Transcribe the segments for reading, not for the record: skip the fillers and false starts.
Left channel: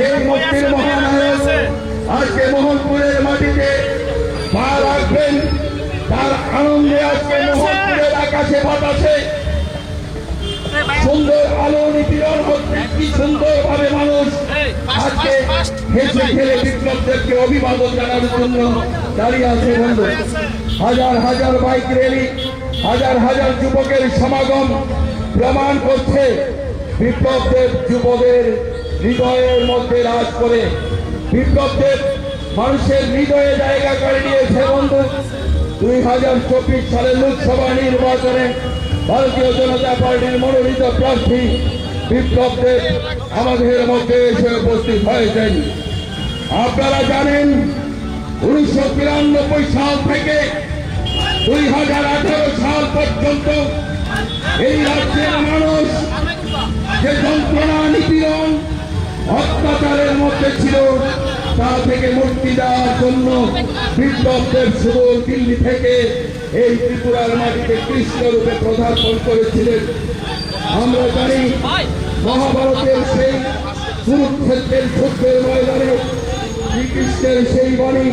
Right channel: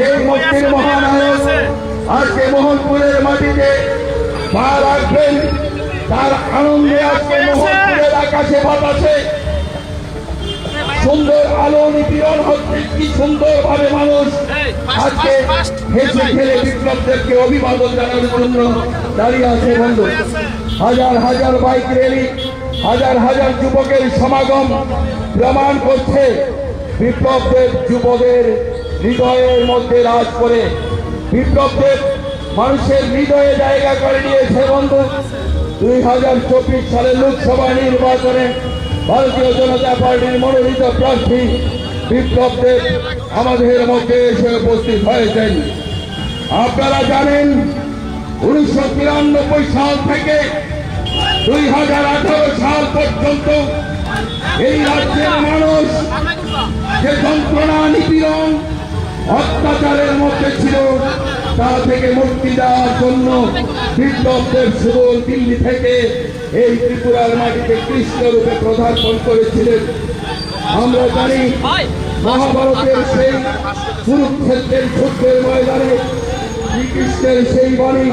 সেই মুক্তির মহানায়ক আজকে মোহনপুরের মাটিতে পা রাখবেন। তার আনন্দে আজকে মোহনপুরের আকাশে বাতাসে সুন্দর আলো নিপীড়ন হচ্ছে। কি সুন্দর ভাবে মানুষ আজকে হেসে খেলে বিপ্লব দেবকে অভিবাদন জানানোর জন্য দাঁড়িয়ে আছে। বন্ধু, হাজার হাজার বাইক র্যালি, হাজার হাজার যুবকের সমাগম প্রমাণ করছে বিপ্লব দেব যুবদের হৃদয়ের মধ্যে রাজ করে। বিপ্লব দেব মানুষের হৃদয়ে জায়গা করে নিয়েছে। বন্ধু, 2024 সালের লোকসভা নির্বাচনে ভারতীয় জনতা পার্টির মনোনীত প্রার্থী বিপ্লব দেব আমাদের মধ্যে এসে উপস্থিত হয়েছেন। আপনারা জানেন 1993 সাল থেকে 2018 সাল পর্যন্ত এই রাজ্যের মানুষ যে যন্ত্রণা, নিপীড়ন, অত্যাচারের মধ্যে ছিল তা থেকে মুক্তি দেওয়ার জন্য বিপ্লব দেব সুবল দিল্লি থেকে এই ত্রিপুরার মাটিতে কৃষ্ণ রূপে পদার্পণ করেছিলেন। আমরা জানি মহাভারতের সেই কুরুক্ষেত্রের যুদ্ধের ময়দানে শ্রীকৃষ্ণের সেই বাণী,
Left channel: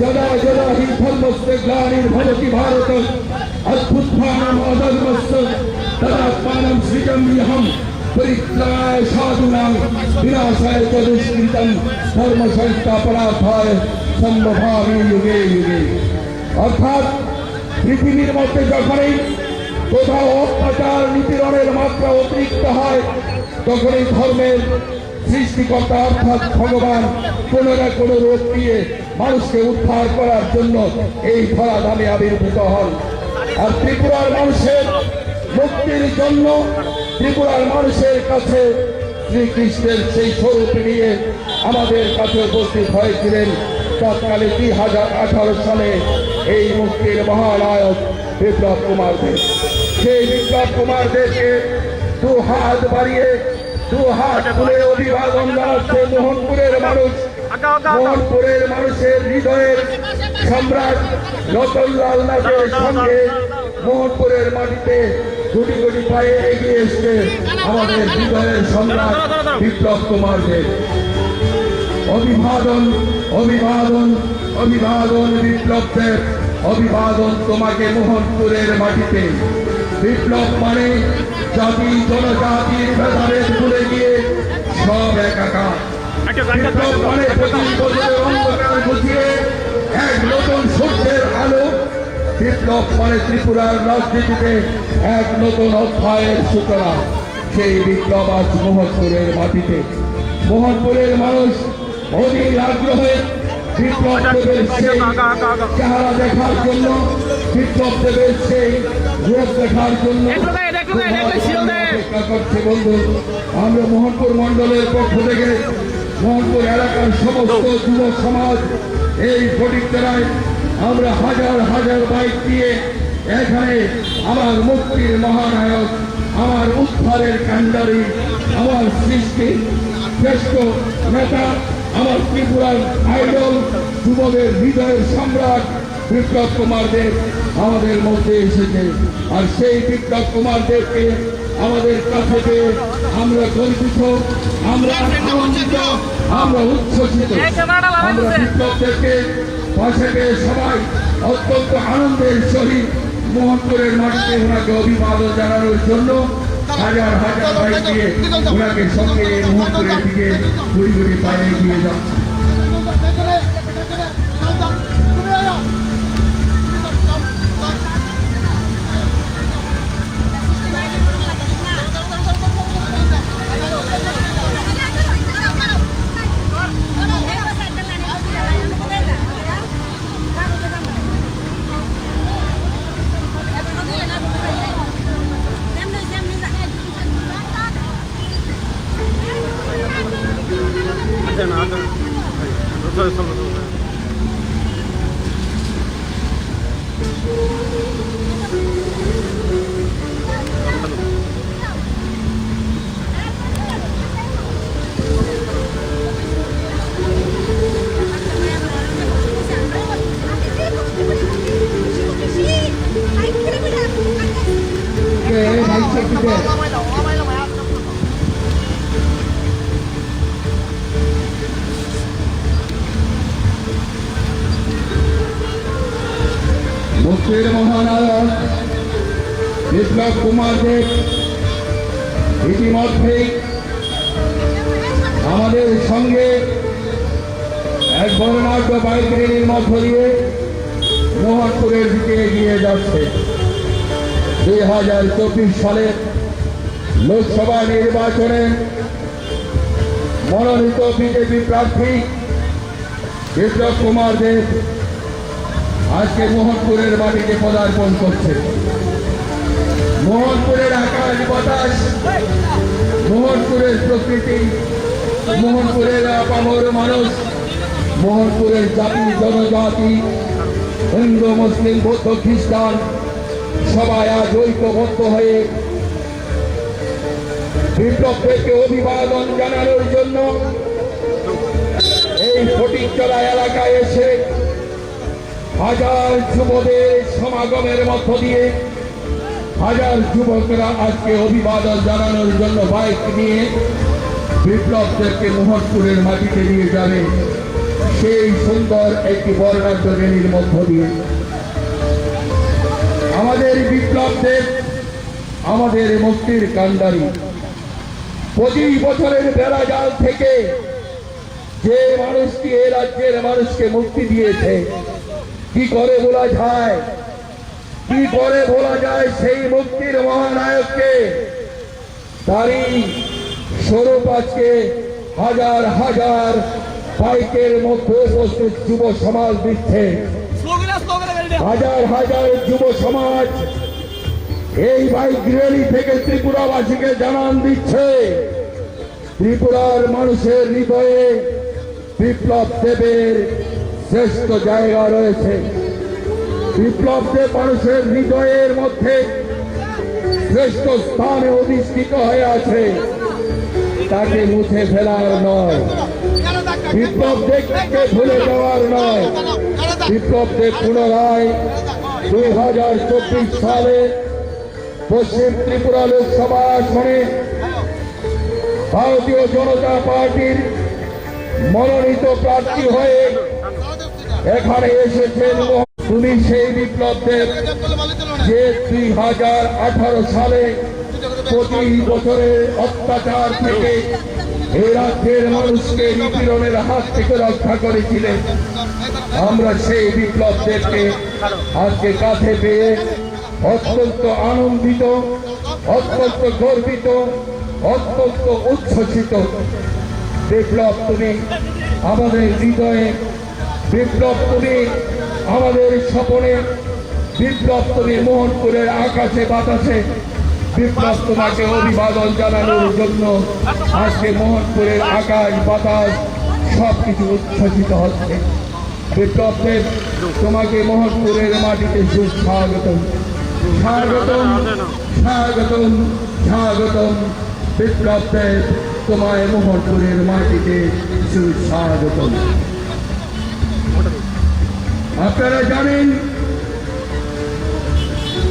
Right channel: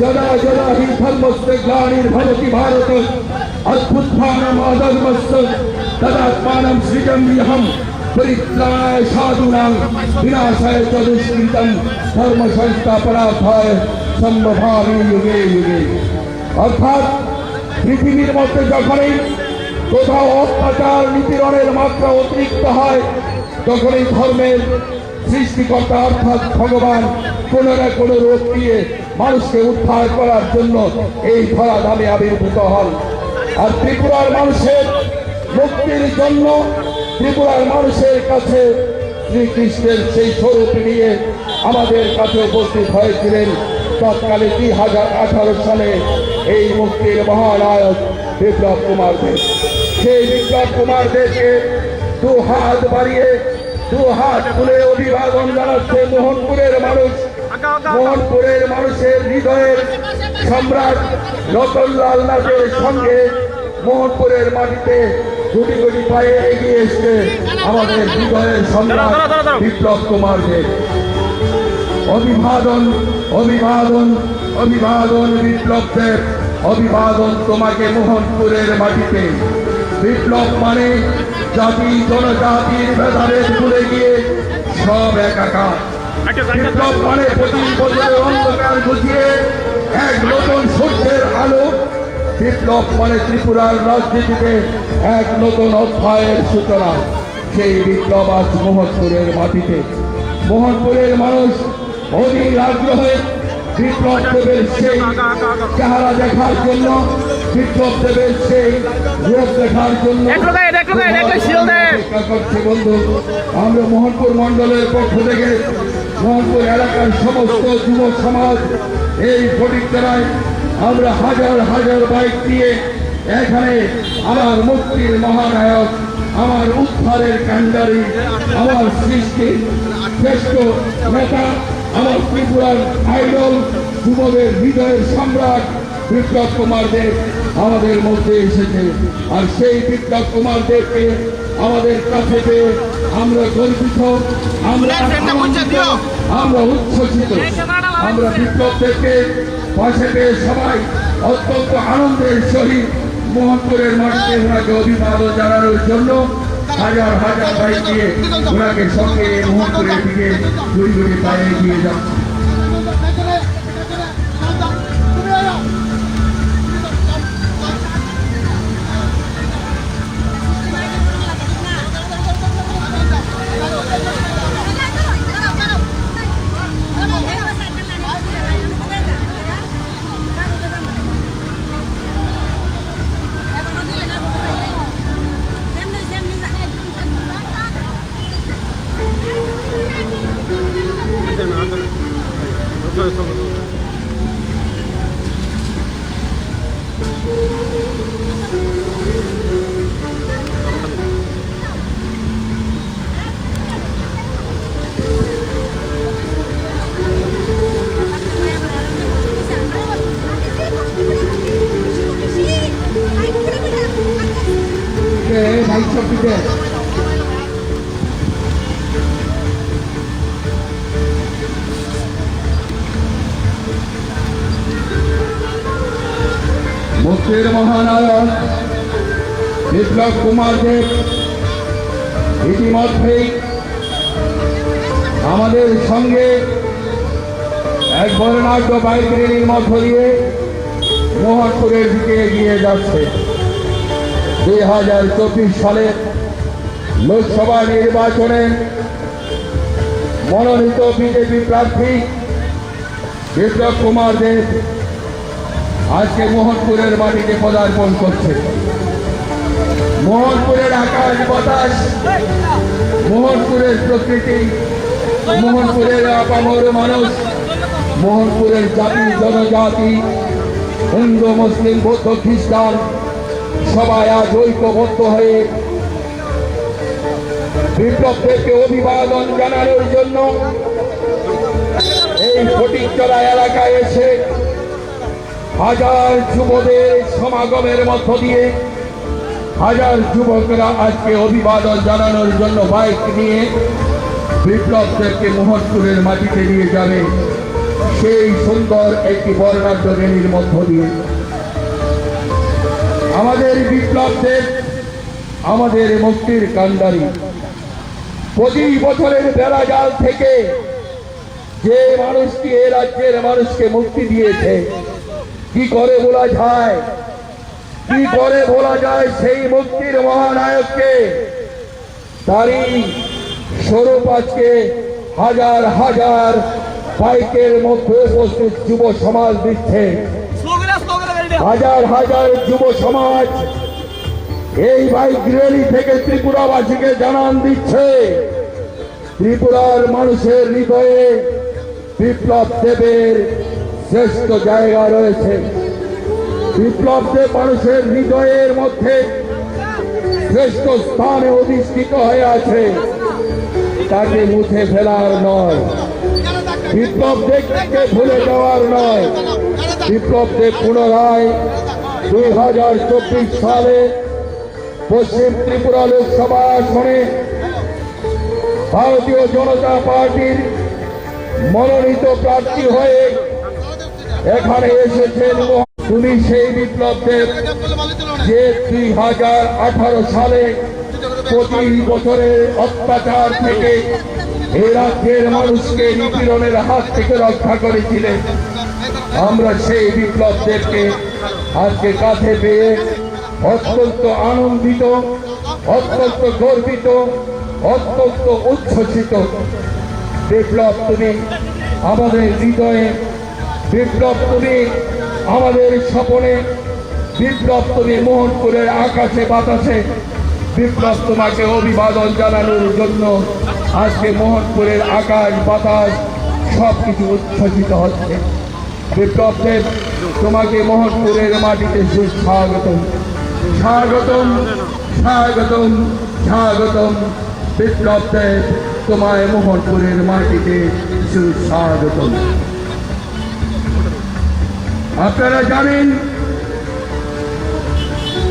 যদা যদা হি ধর্মস্তে গ্লানির্ভবতি ভারত অভ্যুত্থানম অধর্মস্য তদাত্মানম সৃজম্যহম পরিত্রাণায় সাধূনাং বিনাশায় চ দুষ্কৃতম ধর্ম সংস্থাপনার্থায় সম্ভবামি যুগে যুগে। অর্থাৎ পৃথিবীর মধ্যে যখনই কোথাও অত্যাচার, নিপীড়নের মাত্রা অতিরিক্ত হয়, তখনই ধর্মের সৃষ্টিকর্তা অর্থাৎ ভগবান কোনো না কোনো রূপ দিয়ে মানুষকে উদ্ধার করার জন্য এই ধরাধামে আবির্ভূত হন। আর ত্রিপুরার মানুষের মুক্তির জন্য ত্রিপুরার মানুষের কাছে শ্রীকৃষ্ণের সেই স্বরূপ নিয়ে আমাদের কাছে উপস্থিত হয়েছিলেন তৎকালে 2018 সালে এই মুক্তির মহানায়ক বিপ্লব কুমার দেব। সেই বিপ্লব কুমার দেবকে দু হাত বাড়িয়ে, দু হাত খুলে অভিবাদন জানাচ্ছে মোহনপুরের মানুষ। মোহনপুরের মানুষের হৃদয়ের সম্রাট রতনলাল নাথের সঙ্গে মোহনপুরের মাটিতে গুটি গুটি পায়ে এগিয়ে এসছে আমাদের হৃদয়ের সম্রাট বিপ্লব কুমার দেব। অভিবাদন, অভিবাদন, অভিবাদন বিপ্লব দেব, অভিবাদন তোমাকে মোহনপুরের মাটিতে। বিপ্লব মানে জাতি জনজাতির ভেদাভেদ ভুলে গিয়ে সব একাকার। বিপ্লব মানে 25 বছরের অন্ধকার ঘুচিয়ে এক নতুন সূর্যের আলো। বিপ্লব মানে ত্রিপুরার রাজনীতিতে এক নতুন অধ্যায়ের সূচনা। সেই বিপ্লব আজ মোহনপুরের মাটিতে। মোহনপুরের মানুষ অধীর আগ্রহে বিপ্লব দেবের সেই চেহারা দেখার জন্য, বিপ্লব দেবের সেই রূপ দেখার জন্য অপেক্ষা করছে। বন্ধু, আমরা মোহনপুর মন্ডলের পক্ষ থেকে মোহনপুর এলাকার সমস্ত যুব সমাজ এই ফটিকতলায় আমরা হাজার হাজার বাইক দিয়ে এখানে আমার মুক্তির মহানায়ক, আমার উদ্ধারের কান্ডারি, আমার সৃষ্টির শ্রেষ্ঠ নেতা, আমার ত্রিপুরার আইডল, যুবদের হৃদয়ের সম্রাট বিপ্লব কুমার দেব আমাদের মধ্যে এসেছে। আর সেই বিপ্লব কুমার দেবকে আমাদের কাছে পেয়ে আমরা গর্বিত, আমরা আনন্দিত, আমরা উচ্ছ্বসিত। আমরা বিপ্লব দেবকে পাশে পেয়ে সবাই অত্যন্ত আনন্দের সহিত মোহনপুরের মাটিতে ওনাকে অভিবাদন জানানোর জন্য হাজার হাজার বাইক দিয়ে ওনাকে সঙ্গে মোহনপুরের দিকে ঘুরি ঘুরি পায়ে এগিয়ে যাচ্ছে। রাজ্যের মহানায়ক বিপ্লব কুমার দেব ইতিমধ্যেই আমাদের সঙ্গে এক বর্ণাঢ্য বাইক র্যালির মধ্য দিয়ে মোহনপুরের দিকে এগিয়ে যাচ্ছে। 2024 সালের লোকসভা নির্বাচনে মনোনীত বিজেপি প্রার্থী বিপ্লব কুমার দেব আজকে মোহনপুরের মাটিতে পদার্পণ করছে। মোহনপুরের আকাশ বাতাস, মোহনপুরের প্রকৃতি, মোহনপুরের আপামর মানুষ, মোহনপুরের জাতি জনজাতি, হিন্দু মুসলিম বৌদ্ধ খ্রিস্টান সবাই আজ ঐক্যবদ্ধ হয়ে বিপ্লব দেবকে অভিবাদন জানানোর জন্য এই ফটিকতলা এলাকায় এসে হাজার যুবদের সমাগমের মধ্য দিয়ে হাজার যুবকরা আজকে অভিবাদন জানানোর জন্য বাইক নিয়ে বিপ্লব দেবকে মোহনপুরের মাটিতে নিয়ে যাবে সেই সুন্দর একটি বর্ণাঢ্য র্যালির মধ্য দিয়ে। আমাদের বিপ্লব দেব আমাদের মুক্তির কান্ডারি। 25 বছরের বেড়া জাল থেকে যে মানুষটি এ রাজ্যের মানুষকে মুক্তি দিয়েছে, কি করে বলা যায়, কি করে বলা যায় সেই মুক্তির মহানায়ককে? তারই স্বরূপ আজকে হাজার হাজার বাইকের মধ্যে উপস্থিত যুব সমাজ দিচ্ছে। হাজার হাজার যুব সমাজ এই বাইক র্যালি থেকে ত্রিপুরাবাসীকে জানান দিচ্ছে ত্রিপুরার মানুষের হৃদয়ে বিপ্লব দেবের শ্রেষ্ঠ জায়গা রয়েছে। বিপ্লব দেব মানুষের হৃদয়ের মধ্যে শ্রেষ্ঠ স্থানে অধিষ্ঠিত হয়ে আছে, তাকে মুছে ফেলার নয়, বিপ্লব দেবকে ভুলে যাওয়ার নয়। বিপ্লব দেব পুনরায় 2024 সালে পশ্চিম ত্রিপুরা লোকসভা আসনে ভারতীয় জনতা পার্টির মনোনীত প্রার্থী হয়ে এখানে এসেছেন। তুমি সেই বিপ্লব দেব যে 2018 সালে 25 বছরের অত্যাচার থেকে এই রাজ্যের মানুষকে নিপীড়নের হাত থেকে রক্ষা করেছিলেন। আমরা সেই বিপ্লব দেবকে আজকে কাঁধে পেয়ে অত্যন্ত আনন্দিত, অত্যন্ত গর্বিত, অত্যন্ত উচ্ছ্বসিত। বিপ্লব তুমি আমাদের হৃদয়ে, বিপ্লব তুমি আমাদের স্বপনে, বিপ্লব তুমি মোহনপুরের আকাশে বাতাসে। বিপ্লব তোমাকে অভিবাদন জানানোর জন্য আজকে মোহনপুরের আকাশ বাতাস সবকিছু উচ্ছ্বসিত হচ্ছে। বিপ্লব দেব তোমাকে মোহনপুরের মাটিতে সুস্বাগতম, স্বাগতম, স্বাগতম, স্বাগতম। বিপ্লব দেব তোমায় মোহনপুরের মাটিতে সুস্বাগতম। আপনারা জানেন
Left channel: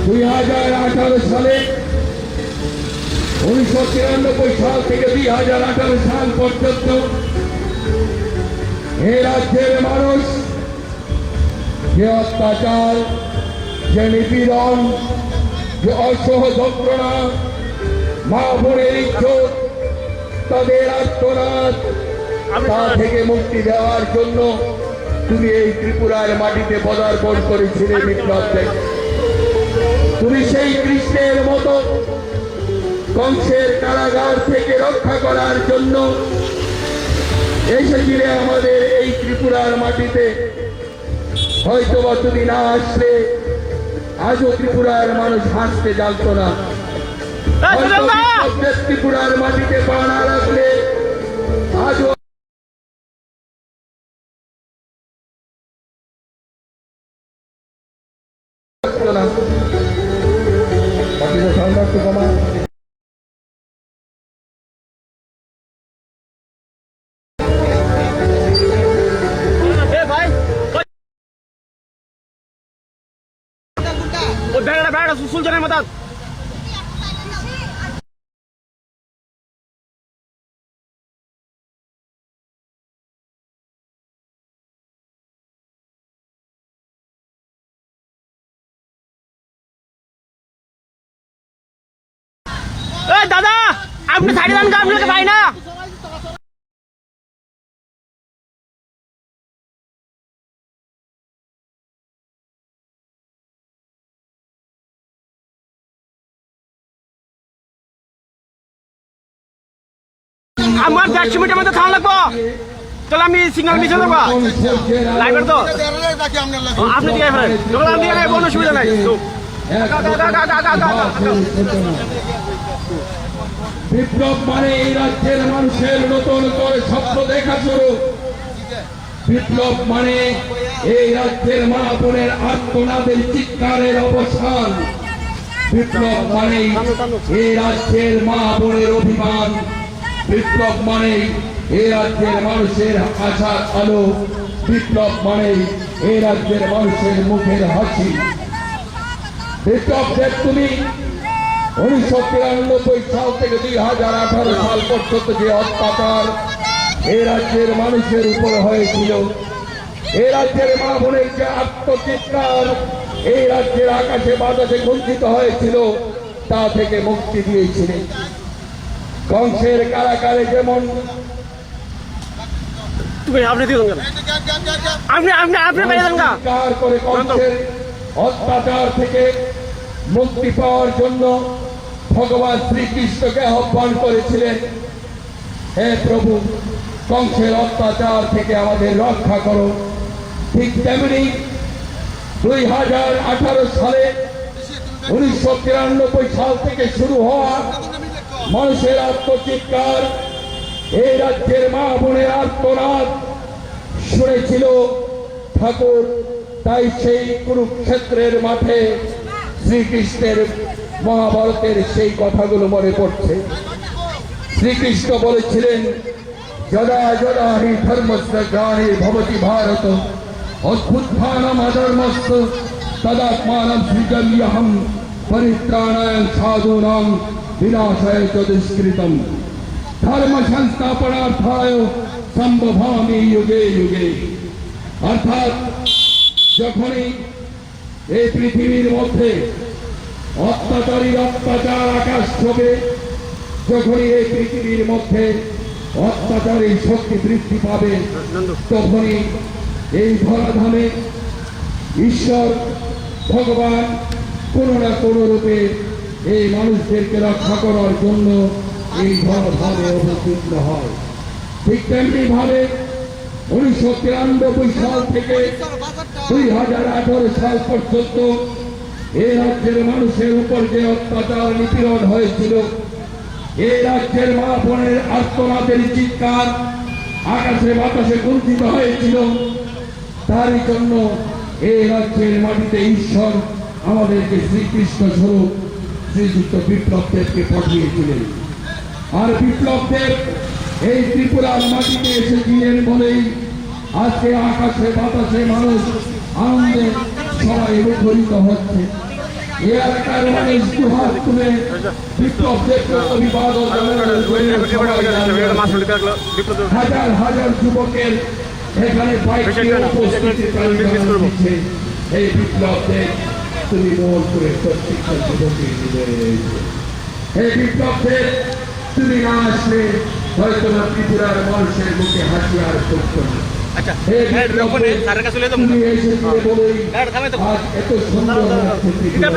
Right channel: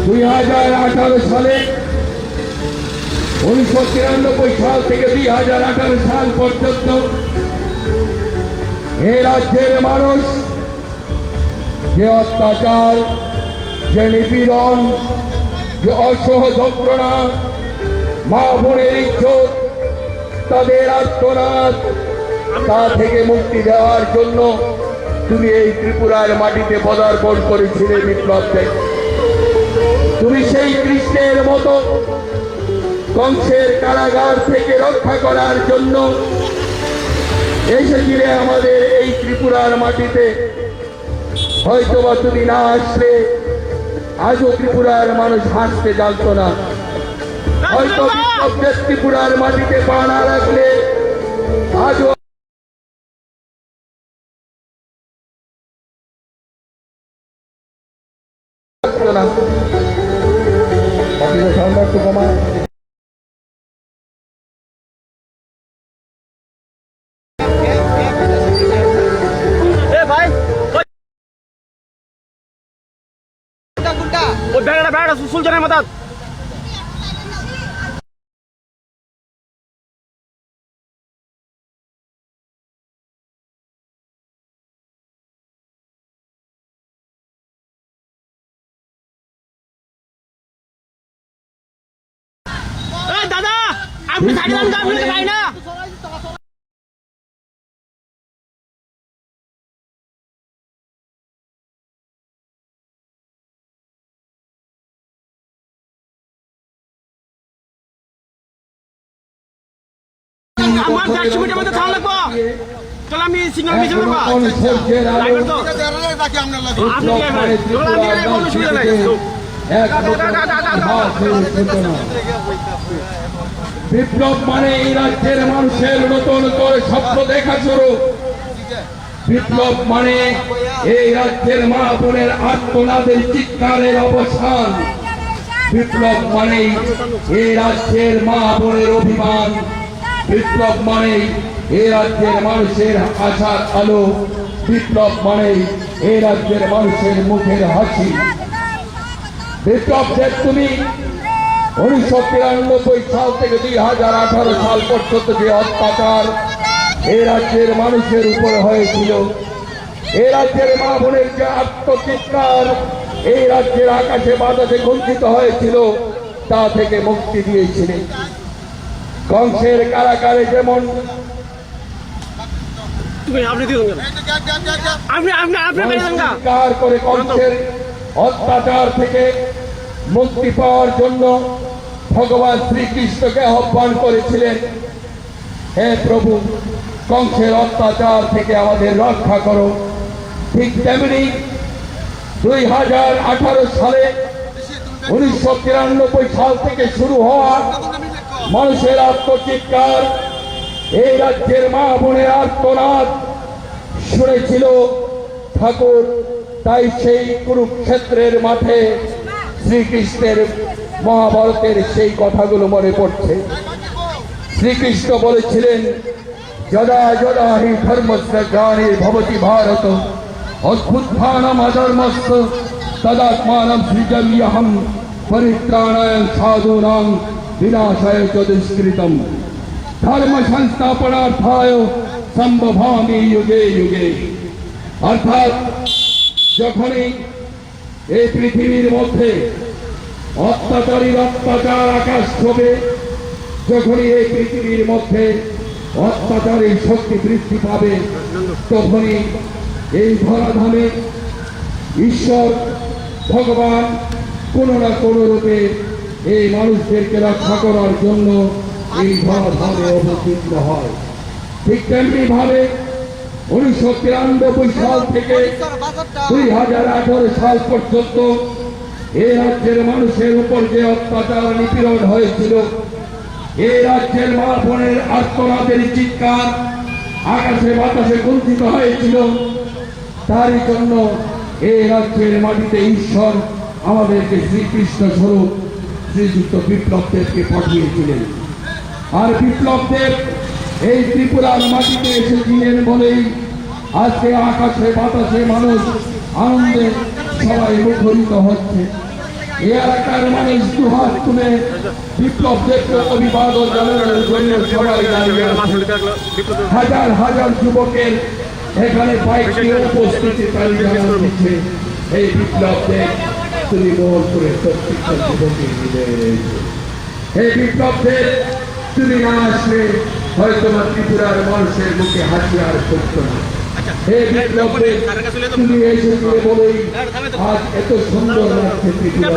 2018 সালে 1993 সাল থেকে 2018 সাল পর্যন্ত এ রাজ্যের মানুষ যে অত্যাচার, যে নিপীড়ন, যে অসহ যন্ত্রণা, মা বোনের ইজ্জত, তাদের আত্মনাদ, তা থেকে মুক্তি দেওয়ার জন্য তুমি এই ত্রিপুরার মাটিতে পদার্পণ করেছিলে বিপ্লব দেব। তুমি সেই কৃষ্ণের মতো কংসের কারাগার থেকে রক্ষা করার জন্য এসেছিলে আমাদের এই ত্রিপুরার মাটিতে। হয়তোবা তুমি না আসলে আজও ত্রিপুরার মানুষ হাসতে জানতো না। হয়তো বিপ্লব দেব ত্রিপুরার মাটিতে পা না রাখলে আজও না। সাউন্ডটা একটু কমা। ব্যাগ সুলতানের মতো এই দাদা আপনি সাইডে যান, আপনি তো ভাই না। আমার 150 মিটার মধ্যে থাম লাগবো, চল আমি সিঙ্গেল মিশন দেবো ড্রাইভার তো আপনি দিয়ে ফেলেন, আমি দিয়ে কোনো সুবিধা নাই। বিপ্লব মানে এই রাজ্যের মানুষের নতুন করে স্বপ্ন দেখা শুরু। বিপ্লব মানে এই রাজ্যের মা বোনের আত্মনাদের চিৎকারের অবসান। বিপ্লব মানে এই রাজ্যের মা বোনের অভিমান। বিপ্লব মানে এই রাজ্যের মানুষের আশার আলো। বিপ্লব মানে এই রাজ্যের মানুষের মুখের হাসি। বিপ্লবদের তুমি 1993 সাল থেকে 2018 সাল পর্যন্ত যে অত্যাচার এই রাজ্যের মানুষের উপর হয়েছিল, এই রাজ্যের মা বোনের যে আত্মচিৎকার এই রাজ্যের আকাশে বাতাসে গুঞ্জিত হয়েছিল, তা থেকে মুক্তি দিয়েছিলেন। কংসের কারাগারে যেমন আপনি দিয়ে দেন, আপনি আপনি আপনি মেরে দেন না। চিৎকার করে কংসের অত্যাচার থেকে মুক্তি পাওয়ার জন্য ভগবান শ্রীকৃষ্ণকে আহ্বান করেছিলেন, হে প্রভু কংসের অত্যাচার থেকে আমাদের রক্ষা করো। ঠিক তেমনি 2018 সালে 1993 সাল থেকে শুরু হওয়া মানুষের আত্মচিৎকার, এই রাজ্যের মা বোনের আর্তনাদ শুনেছিল ঠাকুর। তাই সেই কুরুক্ষেত্রের মাঠে শ্রীকৃষ্ণের মহাভারতের সেই কথাগুলো মনে পড়ছে। শ্রীকৃষ্ণ বলেছিলেন, যদা যদা হি ধর্মস্য গ্লানি ভবতি ভারত অভ্যুত্থানম অধর্মস্য তদাত্মানম সৃজাম্যহম পরিত্রাণায় সাধূনাং বিনাশায় চ দুষ্কৃতম ধর্ম সংস্থাপনার্থায় সম্ভবামি যুগে যুগে। অর্থাৎ যখনই এই পৃথিবীর মধ্যে অত্যাচারীর অত্যাচার আকাশ ছোবে, যখনই এই পৃথিবীর মধ্যে অত্যাচারী শক্তি বৃদ্ধি পাবে, তখনই এই ধরাধামে ঈশ্বর ভগবান কোনো না কোনো রূপে এই মানুষদেরকে রক্ষা করার জন্য এই ধরাধামে অবতীর্ণ হয়। ঠিক তেমনি ভাবে 1993 সাল থেকে 2018 সাল পর্যন্ত এই রাজ্যের মানুষের উপর যে অত্যাচার নিপীড়ন হয়েছিল, এই রাজ্যের মা বোনের আর্তনাদের চিৎকার আকাশে বাতাসে গুঞ্জিত হয়েছিল, তারই জন্য এই রাজ্যের মাটিতে ঈশ্বর আমাদেরকে শ্রীকৃষ্ণ স্বরূপ শ্রীযুক্ত বিপ্লবদেবকে পাঠিয়েছিলেন। আর বিপ্লবদেব এই ত্রিপুরার মাটিতে এসেছিলেন বলেই আজকে আকাশে বাতাসে মানুষ আনন্দে সবাই মুখরিত হচ্ছে। এই এলাকার মানুষ দুহাত তুলে বিপ্লবদেবকে অভিবাদন জানানোর জন্য সবাই দাঁড়িয়ে আছে। হাজার হাজার যুবকের এখানে বাইক নিয়ে উপস্থিতি দিচ্ছে। এই বিপ্লবদেব তুমি মোর করে প্রত্যেকটা যুবকের হৃদয়ে রয়েছে। এই বিপ্লবদেব তুমি না আসলে হয়তো না ত্রিপুরার মানুষের মুখে হাসি আর করতো না। তুমি এসেছিলে বলেই আজ এত সুন্দর লাগছে ত্রিপুরা।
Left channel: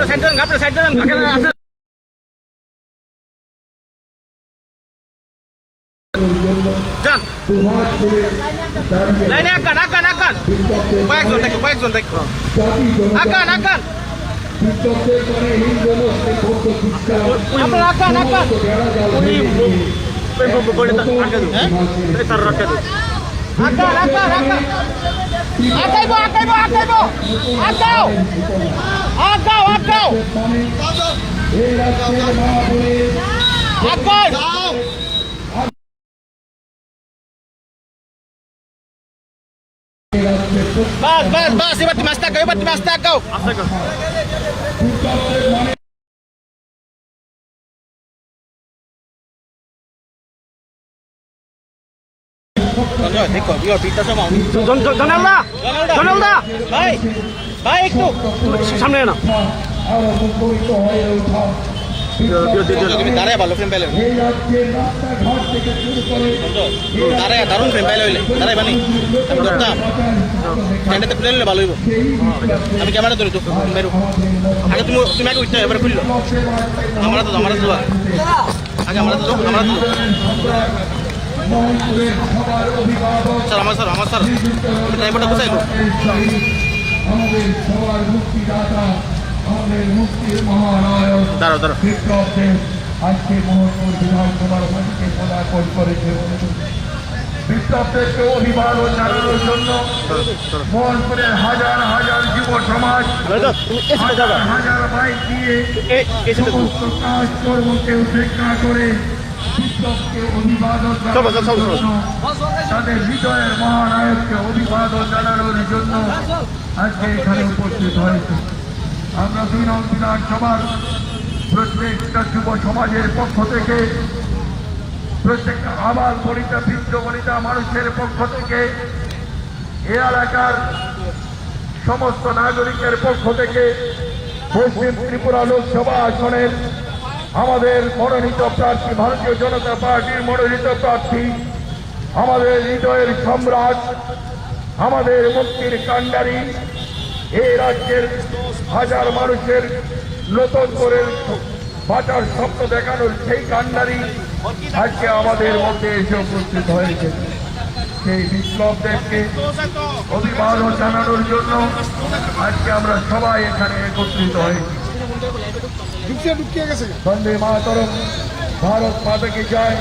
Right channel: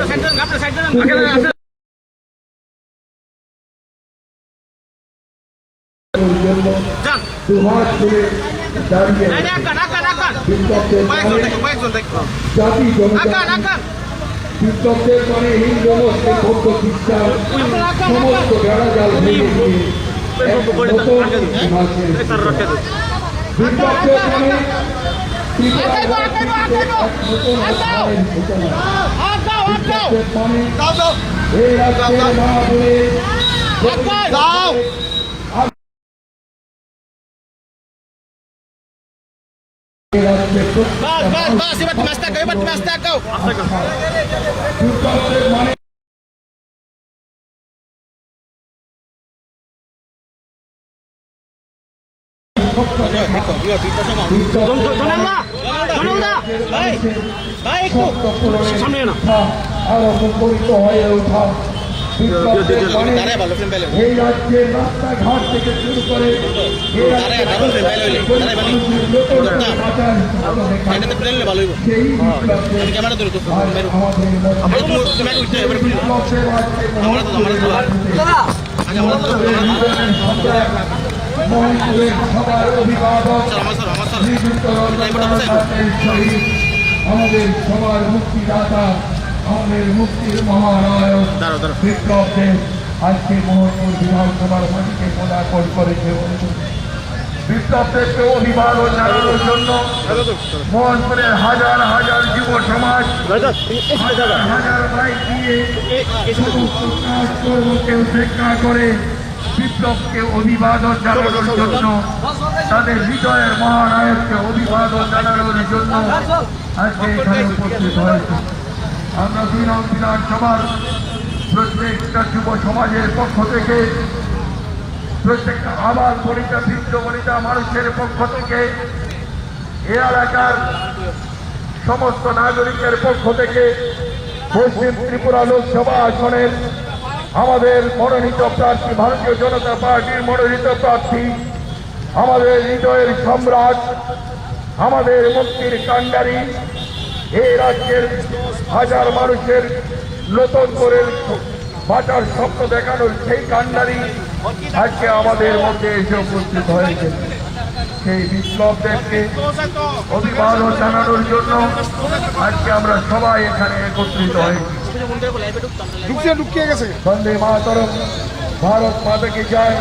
দুহাত তুলে দাঁড়িয়ে জাতি জনতা বিপ্লবদের মানে হিন্দু মুসলিম বৌদ্ধ খ্রিস্টান সমস্ত বেড়াজাল ভেঙে এই রাজ্যের মা bas, ibat di mastak kau. Donalda, baik tuh, সামনে না। আরো মুখরিত হয়ে ওঠা দাঁড়ায় ভালো ফ্রেম পাইলে এই রাজ্যের রাস্তাঘাট থেকে শুরু করে দাঁড়ায় দারুণ ফ্রেম পাইলে হইলে দাঁড়ায় বানি ক্যান্ডাতে খুলে নিলে ভালো হইব আমি ক্যামেরা ধরে তো মেরু আগে তুমি আগে উঠতে এবার খুললো আমরা তো আগে আমরা তো সবার অভিভাবক স্যার আমার স্যার ড্রাইভারটা কোথায় আমাদের সবার মুক্তিদাতা আমাদের মুক্তির মহানায়ক দাঁড়াও বিপ্লব দেব আজকে মোহনপুর বিধানসভার মাটিকে পদার্পণ করেছে বিপ্লব দেবকে অভিবাদন জানানোর জন্য মোহনপুরের হাজার হাজার যুব সমাজ হাজার বাইক দিয়ে সমস্ত কাজকর্মকে উপেক্ষা করে বিপ্লবকে অভিবাদন জানানোর জন্য তাদের হৃদয়ের মহানায়ককে অভিবাদন জানানোর জন্য আজকে এখানে উপস্থিত হয়েছে আমরা দুই নং বিধানসভার প্রত্যেকটা যুব সমাজের পক্ষ থেকে প্রত্যেকটা আবাল বনিতা বৃদ্ধ বনিতা মানুষের পক্ষ থেকে এ এলাকার সমস্ত নাগরিকের পক্ষ থেকে পশ্চিম ত্রিপুরা লোকসভা আসনের আমাদের মনোনীত প্রার্থী ভারতীয় জনতা পার্টির মনোনীত প্রার্থী আমাদের হৃদয়ের সম্রাট আমাদের মুক্তির কাণ্ডারি এই রাজ্যের হাজার মানুষের নতুন করে বাঁচার স্বপ্ন দেখানোর সেই কাণ্ডারি আজকে আমাদের মধ্যে এসে উপস্থিত হয়েছে সেই বিপ্লব দেবকে অভিবাদন জানানোর জন্য আজকে আমরা সবাই এখানে একত্রিত হয়েছি বন্দে মাতরম ভারত মাতা কি জয়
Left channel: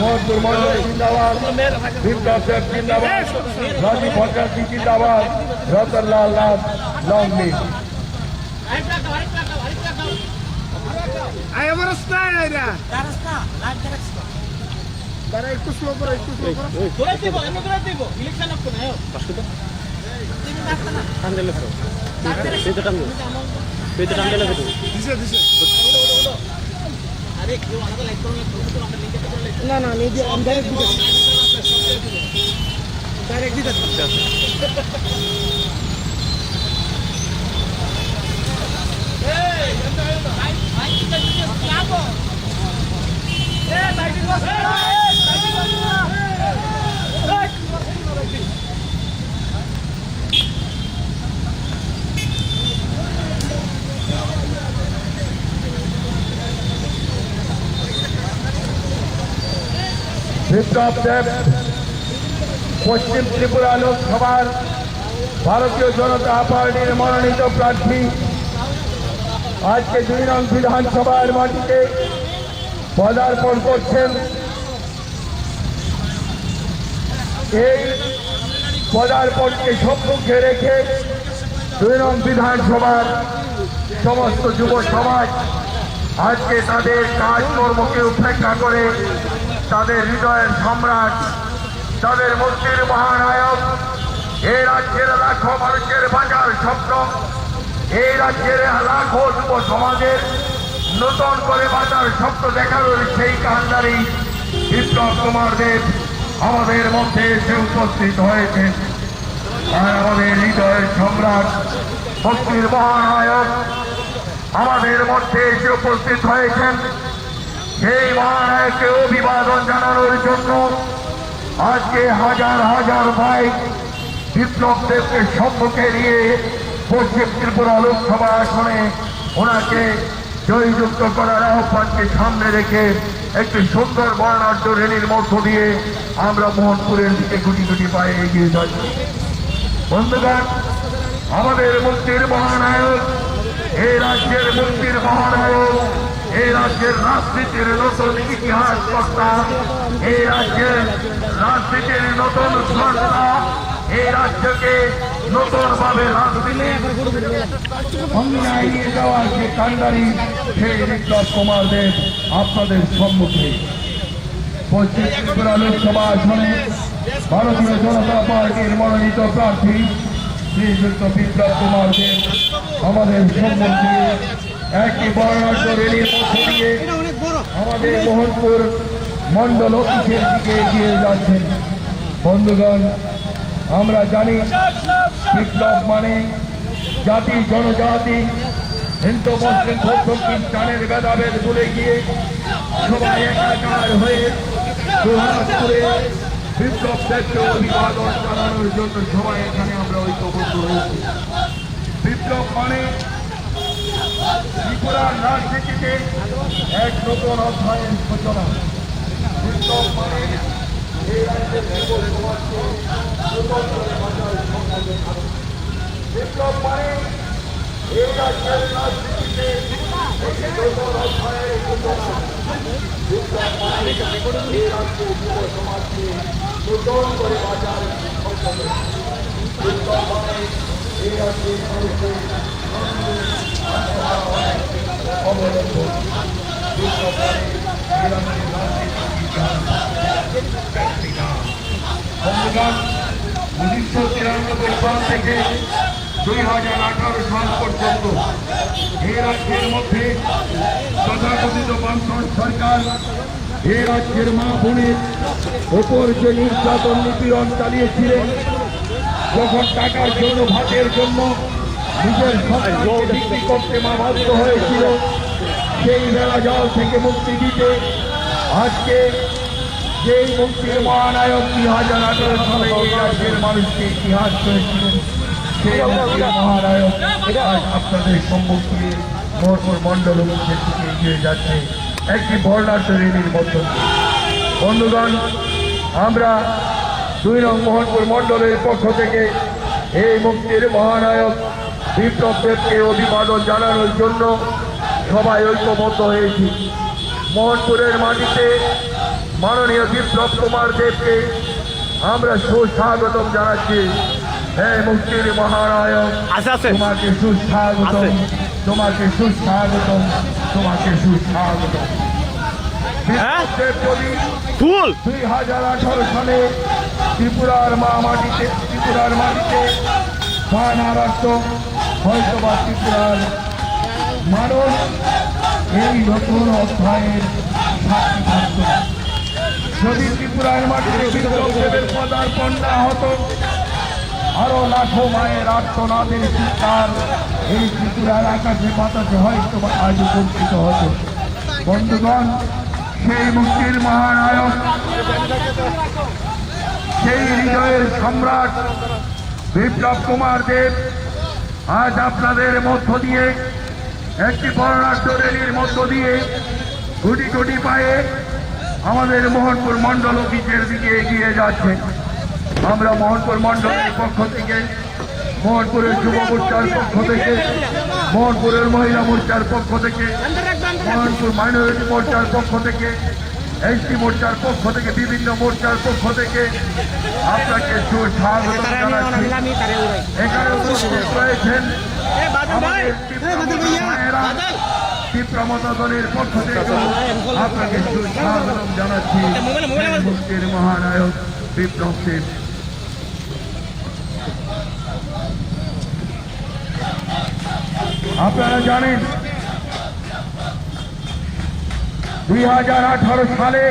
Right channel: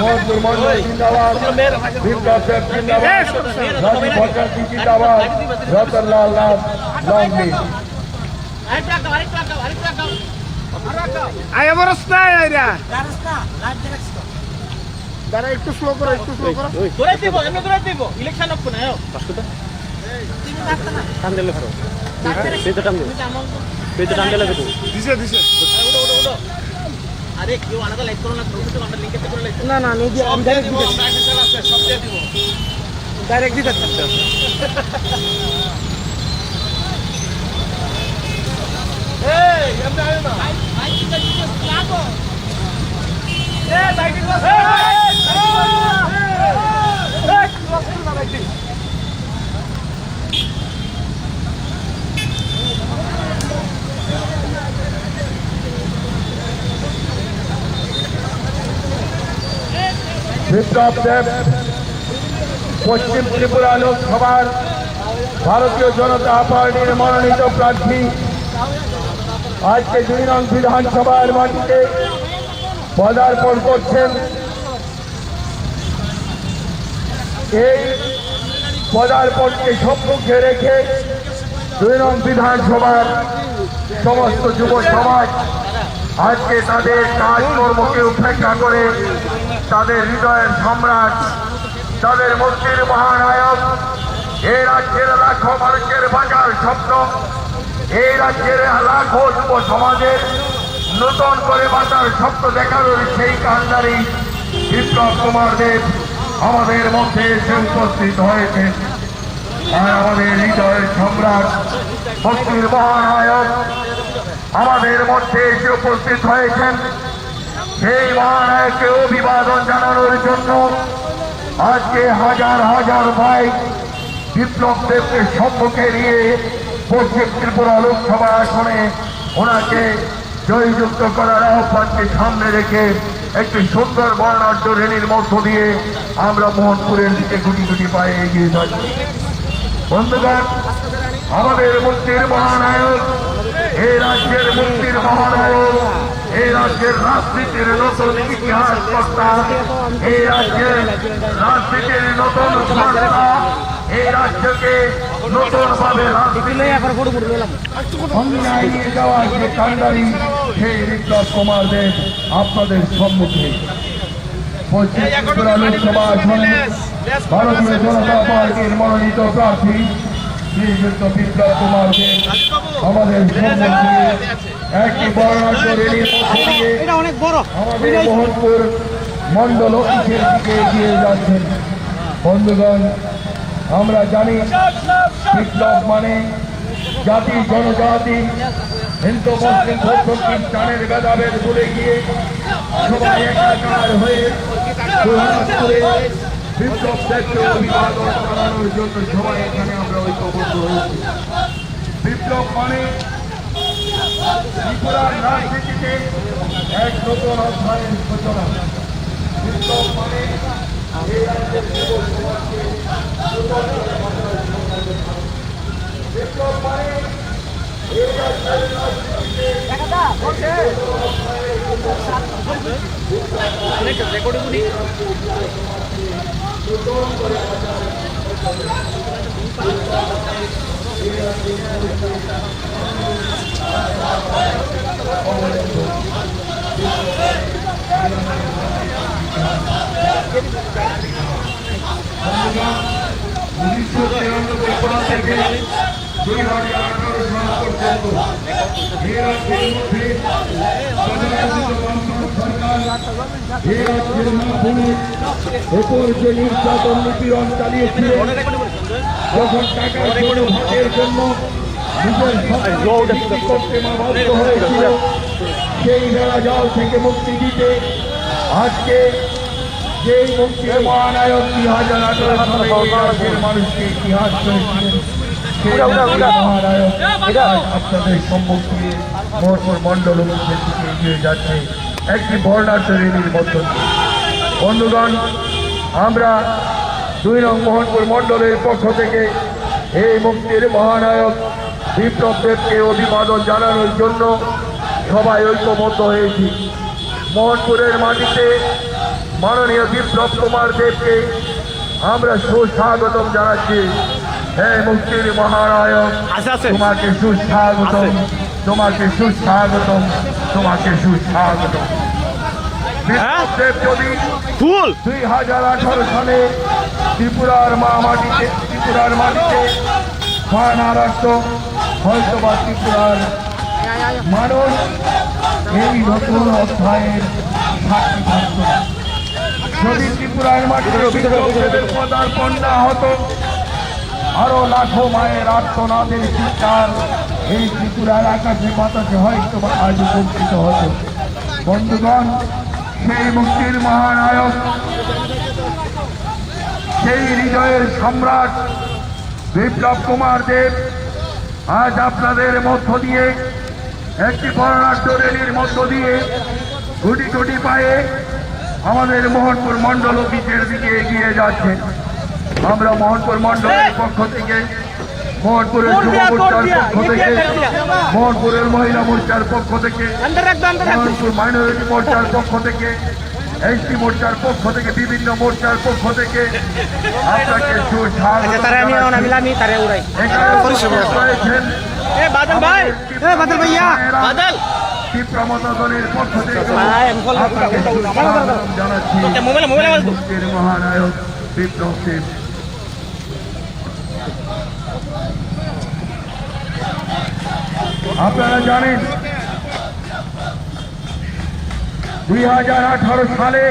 মোহনপুর মন্ডল জিন্দাবাদ বিপ্লব দেব জিন্দাবাদ রাজীব ভট্টাচার্য জিন্দাবাদ রতনলাল নাথ লং লিভ একটু স্লো করো ইলেকশন না না আমি ডাইরেক্ট দিতে বিপ্লব দেব পশ্চিম ত্রিপুরা লোকসভার ভারতীয় জনতা পার্টির মনোনীত প্রার্থী আজকে 2 নং বিধানসভার মাটিতে পদার্পণ করছেন এই পদার্পণকে সম্মুখে রেখে 2 নং বিধানসভার সমস্ত যুব সমাজ আজকে তাদের কাজকর্মকে উপেক্ষা করে তাদের হৃদয়ের সম্রাট তাদের মুক্তির মহানায়ক এই রাজ্যের লাখো মানুষের বাঁচার স্বপ্ন এই রাজ্যের লাখো যুব সমাজের নতুন করে বাঁচার স্বপ্ন দেখানোর সেই কান্ডারি বিপ্লব কুমার দেব আমাদের মধ্যে এসে উপস্থিত হয়েছে আর আমাদের হৃদয়ের সম্রাট মুক্তির মহানায়ক আমাদের মধ্যে এসে উপস্থিত হয়েছেন সেই মহানায়ককে অভিবাদন জানানোর জন্য আজকে হাজার হাজার বাইক বিপ্লব দেবকে সম্মুখে নিয়ে পশ্চিম ত্রিপুরা লোকসভা আসনে ওনাকে জয়যুক্ত করার আহ্বানকে সামনে রেখে একটি সুন্দর বর্ণাঢ্য র্যালির মধ্য দিয়ে আমরা মোহনপুরের দিকে গুটি গুটি পায়ে এগিয়ে যাচ্ছি বন্ধুগণ আমাদের মুক্তির মহানায়ক এই রাজ্যের মুক্তির মহানায়ক এই রাজ্যের রাজনীতির নতুন ইতিহাস কর্তা এই রাজ্যের রাজনীতির নতুন সরকার এই রাজ্যকে নতুন ভাবে অন্যায় নিয়ে যাওয়ার যে কান্ডারি সেই বিপ্লব কুমার দেব আপনাদের সম্মুখে পশ্চিম ত্রিপুরা লোকসভা আসনে ভারতীয় জনতা পার্টির মনোনীত প্রার্থী শ্রীযুক্ত বিপ্লব কুমার দেব আমাদের সম্মুখে একটি বর্ণাঢ্য র্যালির মধ্য দিয়ে আমাদের মোহনপুর মন্ডল অফিসের দিকে এগিয়ে যাচ্ছেন বন্ধুগণ আমরা জানি বিপ্লব মানে জাতি জনজাতি হিন্দু মুসলিম বৌদ্ধ খ্রিস্টানের ভেদাভেদ ভুলে গিয়ে সবাই একাকার হয়ে সুহাসপুরে বিপ্লব দেবকে অভিবাদন জানানোর জন্য সবাই এখানে আমরা ঐক্যবদ্ধ হয়েছি। বিপ্লব মানে ত্রিপুরার রাজনীতিতে এক নতুন অধ্যায়ের সূচনা। বিপ্লব মানে এই রাজ্যের যুব সমাজকে নতুন করে বাঁচার সংকল্প থাকে। বিপ্লব মানে এই রাজ্যের রাজনীতিতে এক নতুন অধ্যায়ের সূচনা। বিপ্লব মানে এই রাজ্যের যুব সমাজকে নতুন করে বাঁচার সংকল্প থাকে। বিপ্লব মানে এই রাজ্যের মানুষকে উনিশশো 93 সাল থেকে 2018 সাল পর্যন্ত এই রাজ্যের মধ্যে তথাকথিত বামফ্রন্ট সরকার এই রাজ্যের মা বোনের ওপর যে নির্যাতন নিপীড়ন চালিয়েছিলেন, যখন টাকার জন্য ভাতের জন্য নিজের সন্তানকে বিক্রি করতে মা বাধ্য হয়েছিল, সেই বেড়াজাল থেকে মুক্তি দিতে আজকে যেই মুক্তির মহানায়ক 2018 সালে এই রাজ্যের মানুষকে ইতিহাস করেছিলেন, সেই মুক্তির মহানায়ক আজ আপনাদের সম্মুখে মোহনপুর মণ্ডল অফিসের দিকে এগিয়ে যাচ্ছে একটি বর্ণাঢ্য র্যালির মধ্য দিয়ে। বন্ধুগণ, আমরা 2 নং মোহনপুর মণ্ডলের পক্ষ থেকে এই মুক্তির মহানায়ক বিপ্লব দেবকে অভিবাদন জানানোর জন্য সবাই ঐক্যবদ্ধ হয়েছি। মোহনপুরের মাটিতে মাননীয় বিপ্লব কুমার দেবকে আমরা সুস্বাগতম জানাচ্ছি। হে মুক্তির মহানায়ক, তোমাকে সুস্বাগতম, তোমাকে সুস্বাগতম, তোমাকে সুস্বাগতম। বিপ্লব দেব যদি 2018 সালে ত্রিপুরার মাটিতে বায়না রাখত, হয়তো বা ত্রিপুরার মানুষ এই নতুন অধ্যায়ের সাক্ষী থাকত। যদি ত্রিপুরার মাটিতে বিপ্লব দেবের পদার্পণ না হতো, আরো লাখো মায়ের আর্তনাদের চিৎকার এই ত্রিপুরার আকাশে বাতাসে হয়তো বা আজ উপস্থিত হতো। বন্ধুগণ, সেই মুক্তির মহানায়ক, সেই হৃদয়ের সম্রাট বিপ্লব কুমার দেব আজ আপনাদের মধ্য দিয়ে একটি বর্ণাঢ্য র্যালির মধ্য দিয়ে গুটি গুটি পায়ে আমাদের মোহনপুর মণ্ডল অফিসের দিকে এগিয়ে যাচ্ছে। আমরা মোহনপুর মণ্ডলের পক্ষ থেকে, মোহনপুরের যুব মোর্চার পক্ষ থেকে, মোহনপুরের মহিলা মোর্চার পক্ষ থেকে, মোহনপুর মাইনরিটি মোর্চার পক্ষ থেকে, এসটি মোর্চার পক্ষ থেকে, বিভিন্ন মোর্চার পক্ষ থেকে আপনাকে সুস্বাগত জানাচ্ছি। এখানে উপস্থিত রয়েছেন তীব্রমত দলের পক্ষ থেকে আপনাকে সুস্বাগতম জানাচ্ছি মুক্তির মহানায়ক বিপ্লব দেব। আপনারা জানেন 2018 সালে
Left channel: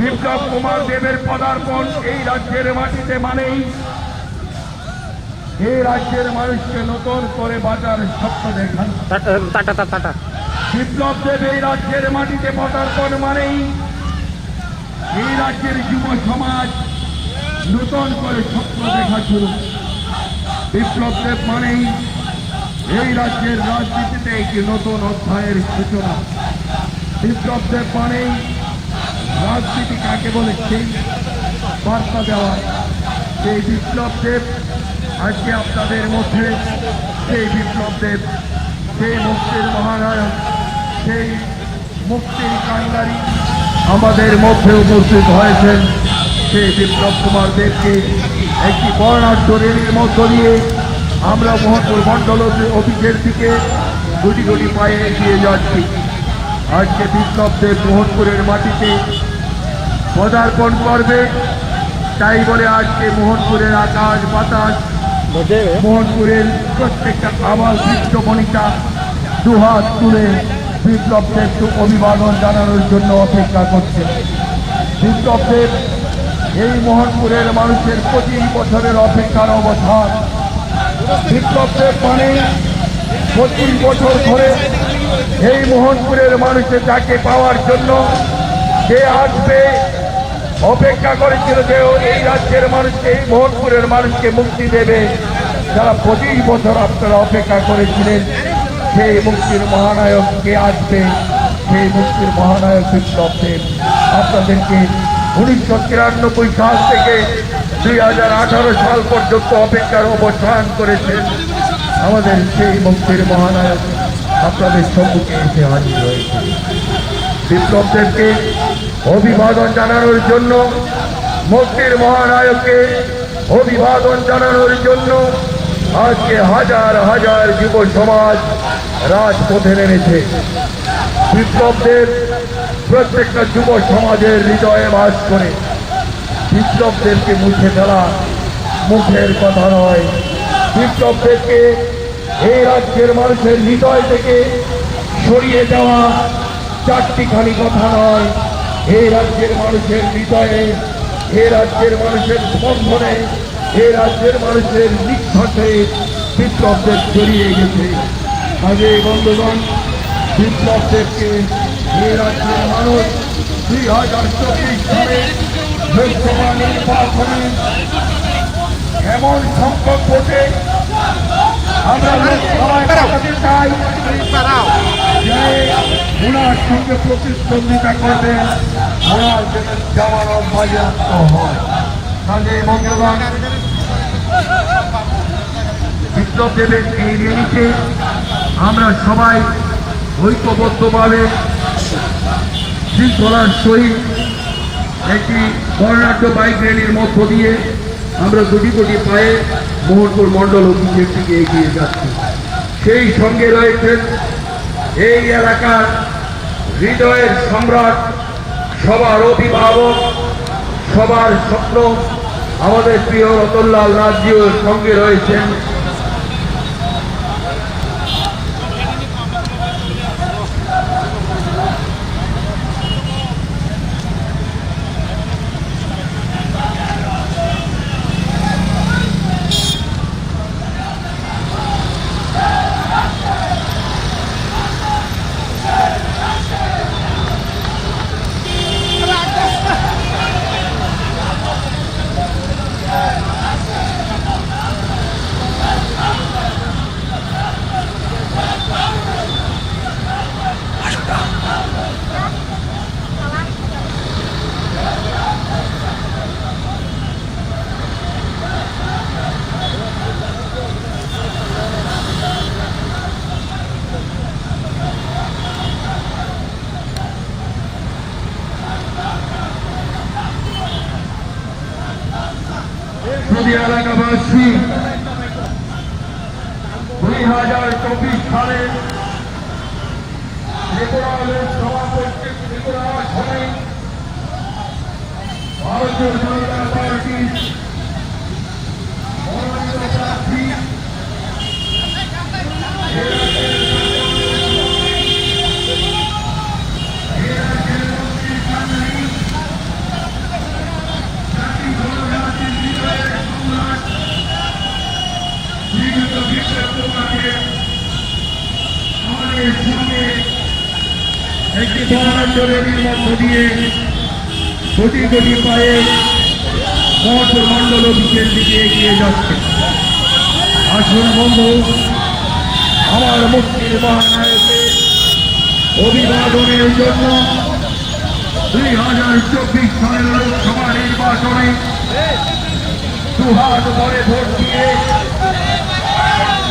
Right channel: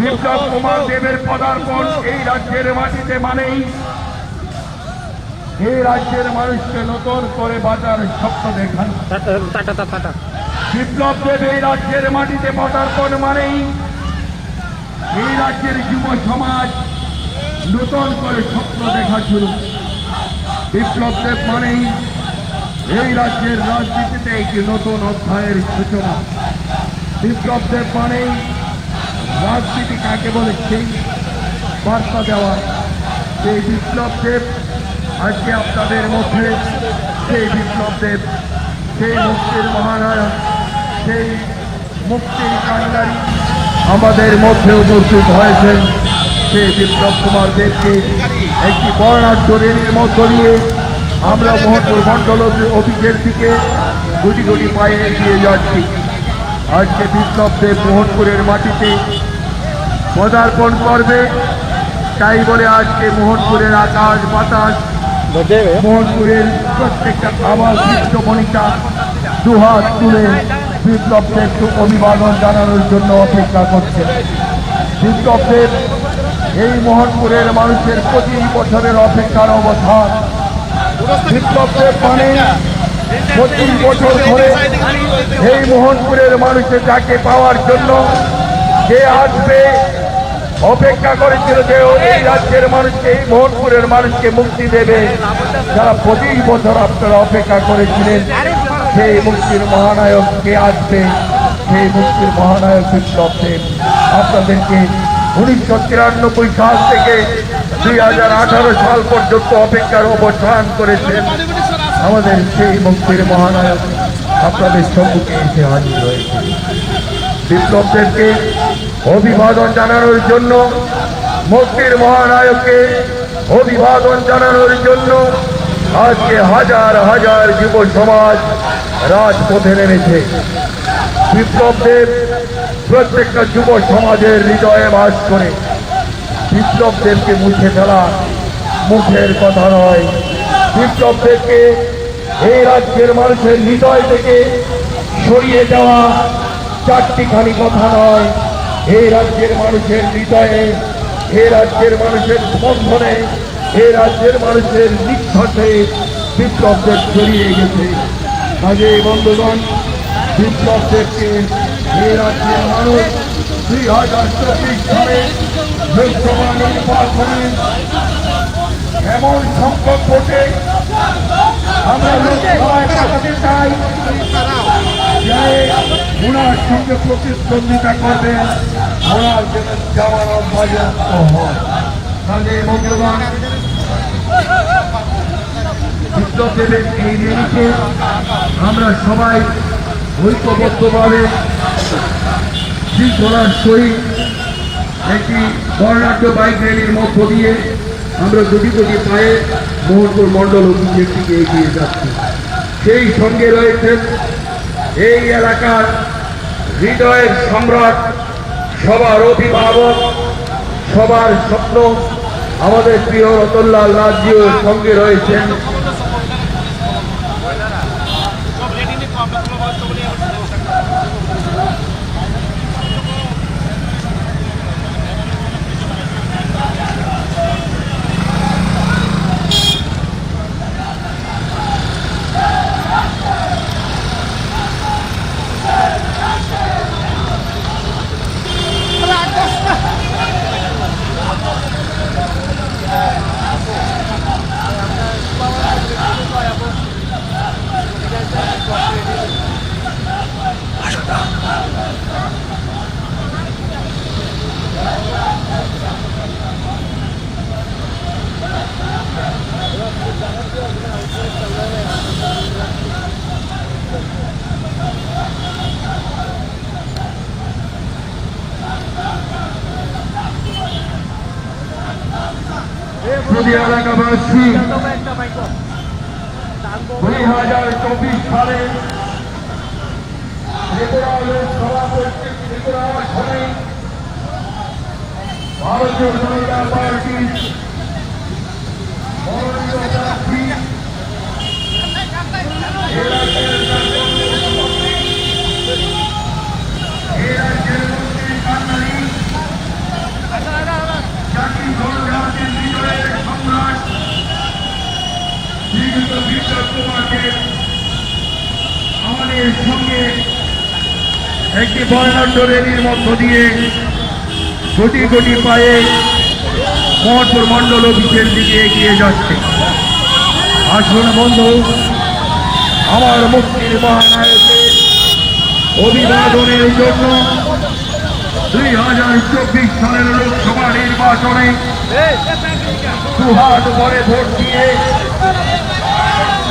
বিপ্লব কুমার দেবের পদার্পণ এই রাজ্যের মাটিতে মানেই এই রাজ্যের মানুষকে নতুন করে বাঁচার স্বপ্ন দেখান। বিপ্লব দেব এই রাজ্যের মাটিতে পদার্পণ মানেই এই রাজ্যের যুব সমাজ নতুন করে স্বপ্ন দেখা শুরু। বিপ্লব দেব মানেই এই রাজ্যের রাজনীতিতে একটি নতুন অধ্যায়ের সূচনা। বিপ্লব দেব মানেই রাজনীতি কাকে বলে সেই বার্তা দেওয়া। সেই বিপ্লব দেব আজকে আপনাদের মধ্যে, সেই বিপ্লব দেব, সেই মুক্তির মহানায়ক, সেই মুক্তির কান্ডারী আমাদের মধ্যে উপস্থিত হয়েছেন। সেই বিপ্লব কুমার দেবকে একটি বর্ণাঢ্য র্যালির মধ্য দিয়ে আমরা মোহনপুর মণ্ডল অফিসের দিকে গুটি গুটি পায়ে এগিয়ে যাচ্ছি। আজকে বিপ্লব দেব মোহনপুরের মাটিতে পদার্পণ করবে, তাই বলে আজকে মোহনপুরের আকাশ বাতাস, মোহনপুরের প্রত্যেকটা আবাস বিশ্বমণিকা দুহাত তুলে বিপ্লব দেবকে অভিবাদন জানানোর জন্য অপেক্ষা করছে। বিপ্লব দেব এই মোহনপুরের মানুষের 25 বছরের অপেক্ষার অবসান। বিপ্লবের মানে 25 বছর ধরে এই মোহনপুরের মানুষের যাকে পাওয়ার জন্য যে আসবে অপেক্ষা করেছিল যে এই রাজ্যের মানুষকে এই মোহনপুরের মানুষকে মুক্তি দেবে, যারা 25 বছর আপনারা অপেক্ষা করেছিলেন সেই মুক্তির মহানায়ক কে আসবে, সেই মুক্তির মহানায়ক বিপ্লব দেব আপনাদেরকে 1993 সাল থেকে 2018 সাল পর্যন্ত অপেক্ষার অবসান করেছেন। আমাদের সেই মুক্তির মহানায়ক আপনাদের সম্মুখে এসে হাজির হয়েছে। বিপ্লব দেবকে অভিবাদন জানানোর জন্য, মুক্তির মহানায়ককে অভিবাদন জানানোর জন্য আজকে হাজার হাজার যুব সমাজ রাজপথে নেমেছে। বিপ্লব দেব প্রত্যেকটা যুব সমাজের হৃদয়ে বাস করে। বিপ্লব দেবকে মুছে ফেলা মুখের কথা নয়, বিপ্লব দেবকে এই রাজ্যের মানুষের হৃদয় থেকে সরিয়ে দেওয়া চারটিখানি কথা নয়। এই রাজ্যের মানুষের হৃদয়ে, এই রাজ্যের মানুষের স্পন্দনে, এই রাজ্যের মানুষের নিঃশ্বাসে বিপ্লব দেব জড়িয়ে গেছে। আগে বন্ধুগণ, বিপ্লব দেবকে এই রাজ্যের মানুষ 2024 সালে লোকসভা নির্বাচনে এমন সংকট ভোটে আমরা লোকসভায় পাঠাতে চাই যে ওনার সঙ্গে প্রতিদ্বন্দ্বিতা করবেন, ওনার যেন জামানত বাজেয়াপ্ত হয়। কাজে বন্ধুগণ, বিপ্লব দেবের এই রেলিতে আমরা সবাই ঐক্যবদ্ধভাবে শৃঙ্খলার সহিত একটি বর্ণাঢ্য বাইক র্যালির মধ্য দিয়ে আমরা গুটি গুটি পায়ে মোহনপুর মণ্ডল অফিসের দিকে এগিয়ে যাচ্ছি। সেই সঙ্গে রয়েছেন এই এলাকার হৃদয়ের সম্রাট, সবার অভিভাবক, সবার স্বপ্ন আমাদের প্রিয় রতনলাল নাথজিও সঙ্গে রয়েছেন। যদি এলাকাবাসী 2024 সালে ত্রিপুরা লোকসভা কর্তৃক ত্রিপুরা আসনে ভারতীয় জনতা পার্টির মনোনীত প্রার্থী আমাদের সঙ্গে একটি বর্ণাঢ্য র্যালির মধ্য দিয়ে কোটি কোটি পায়ে মোহনপুর মণ্ডল অফিসের দিকে এগিয়ে যাচ্ছে। আসুন বন্ধু, আমার মুক্তির মহানায়কের অভিবাদনের জন্য 2024 সালের লোকসভা নির্বাচনে দুহাত ভরে ভোট দিয়ে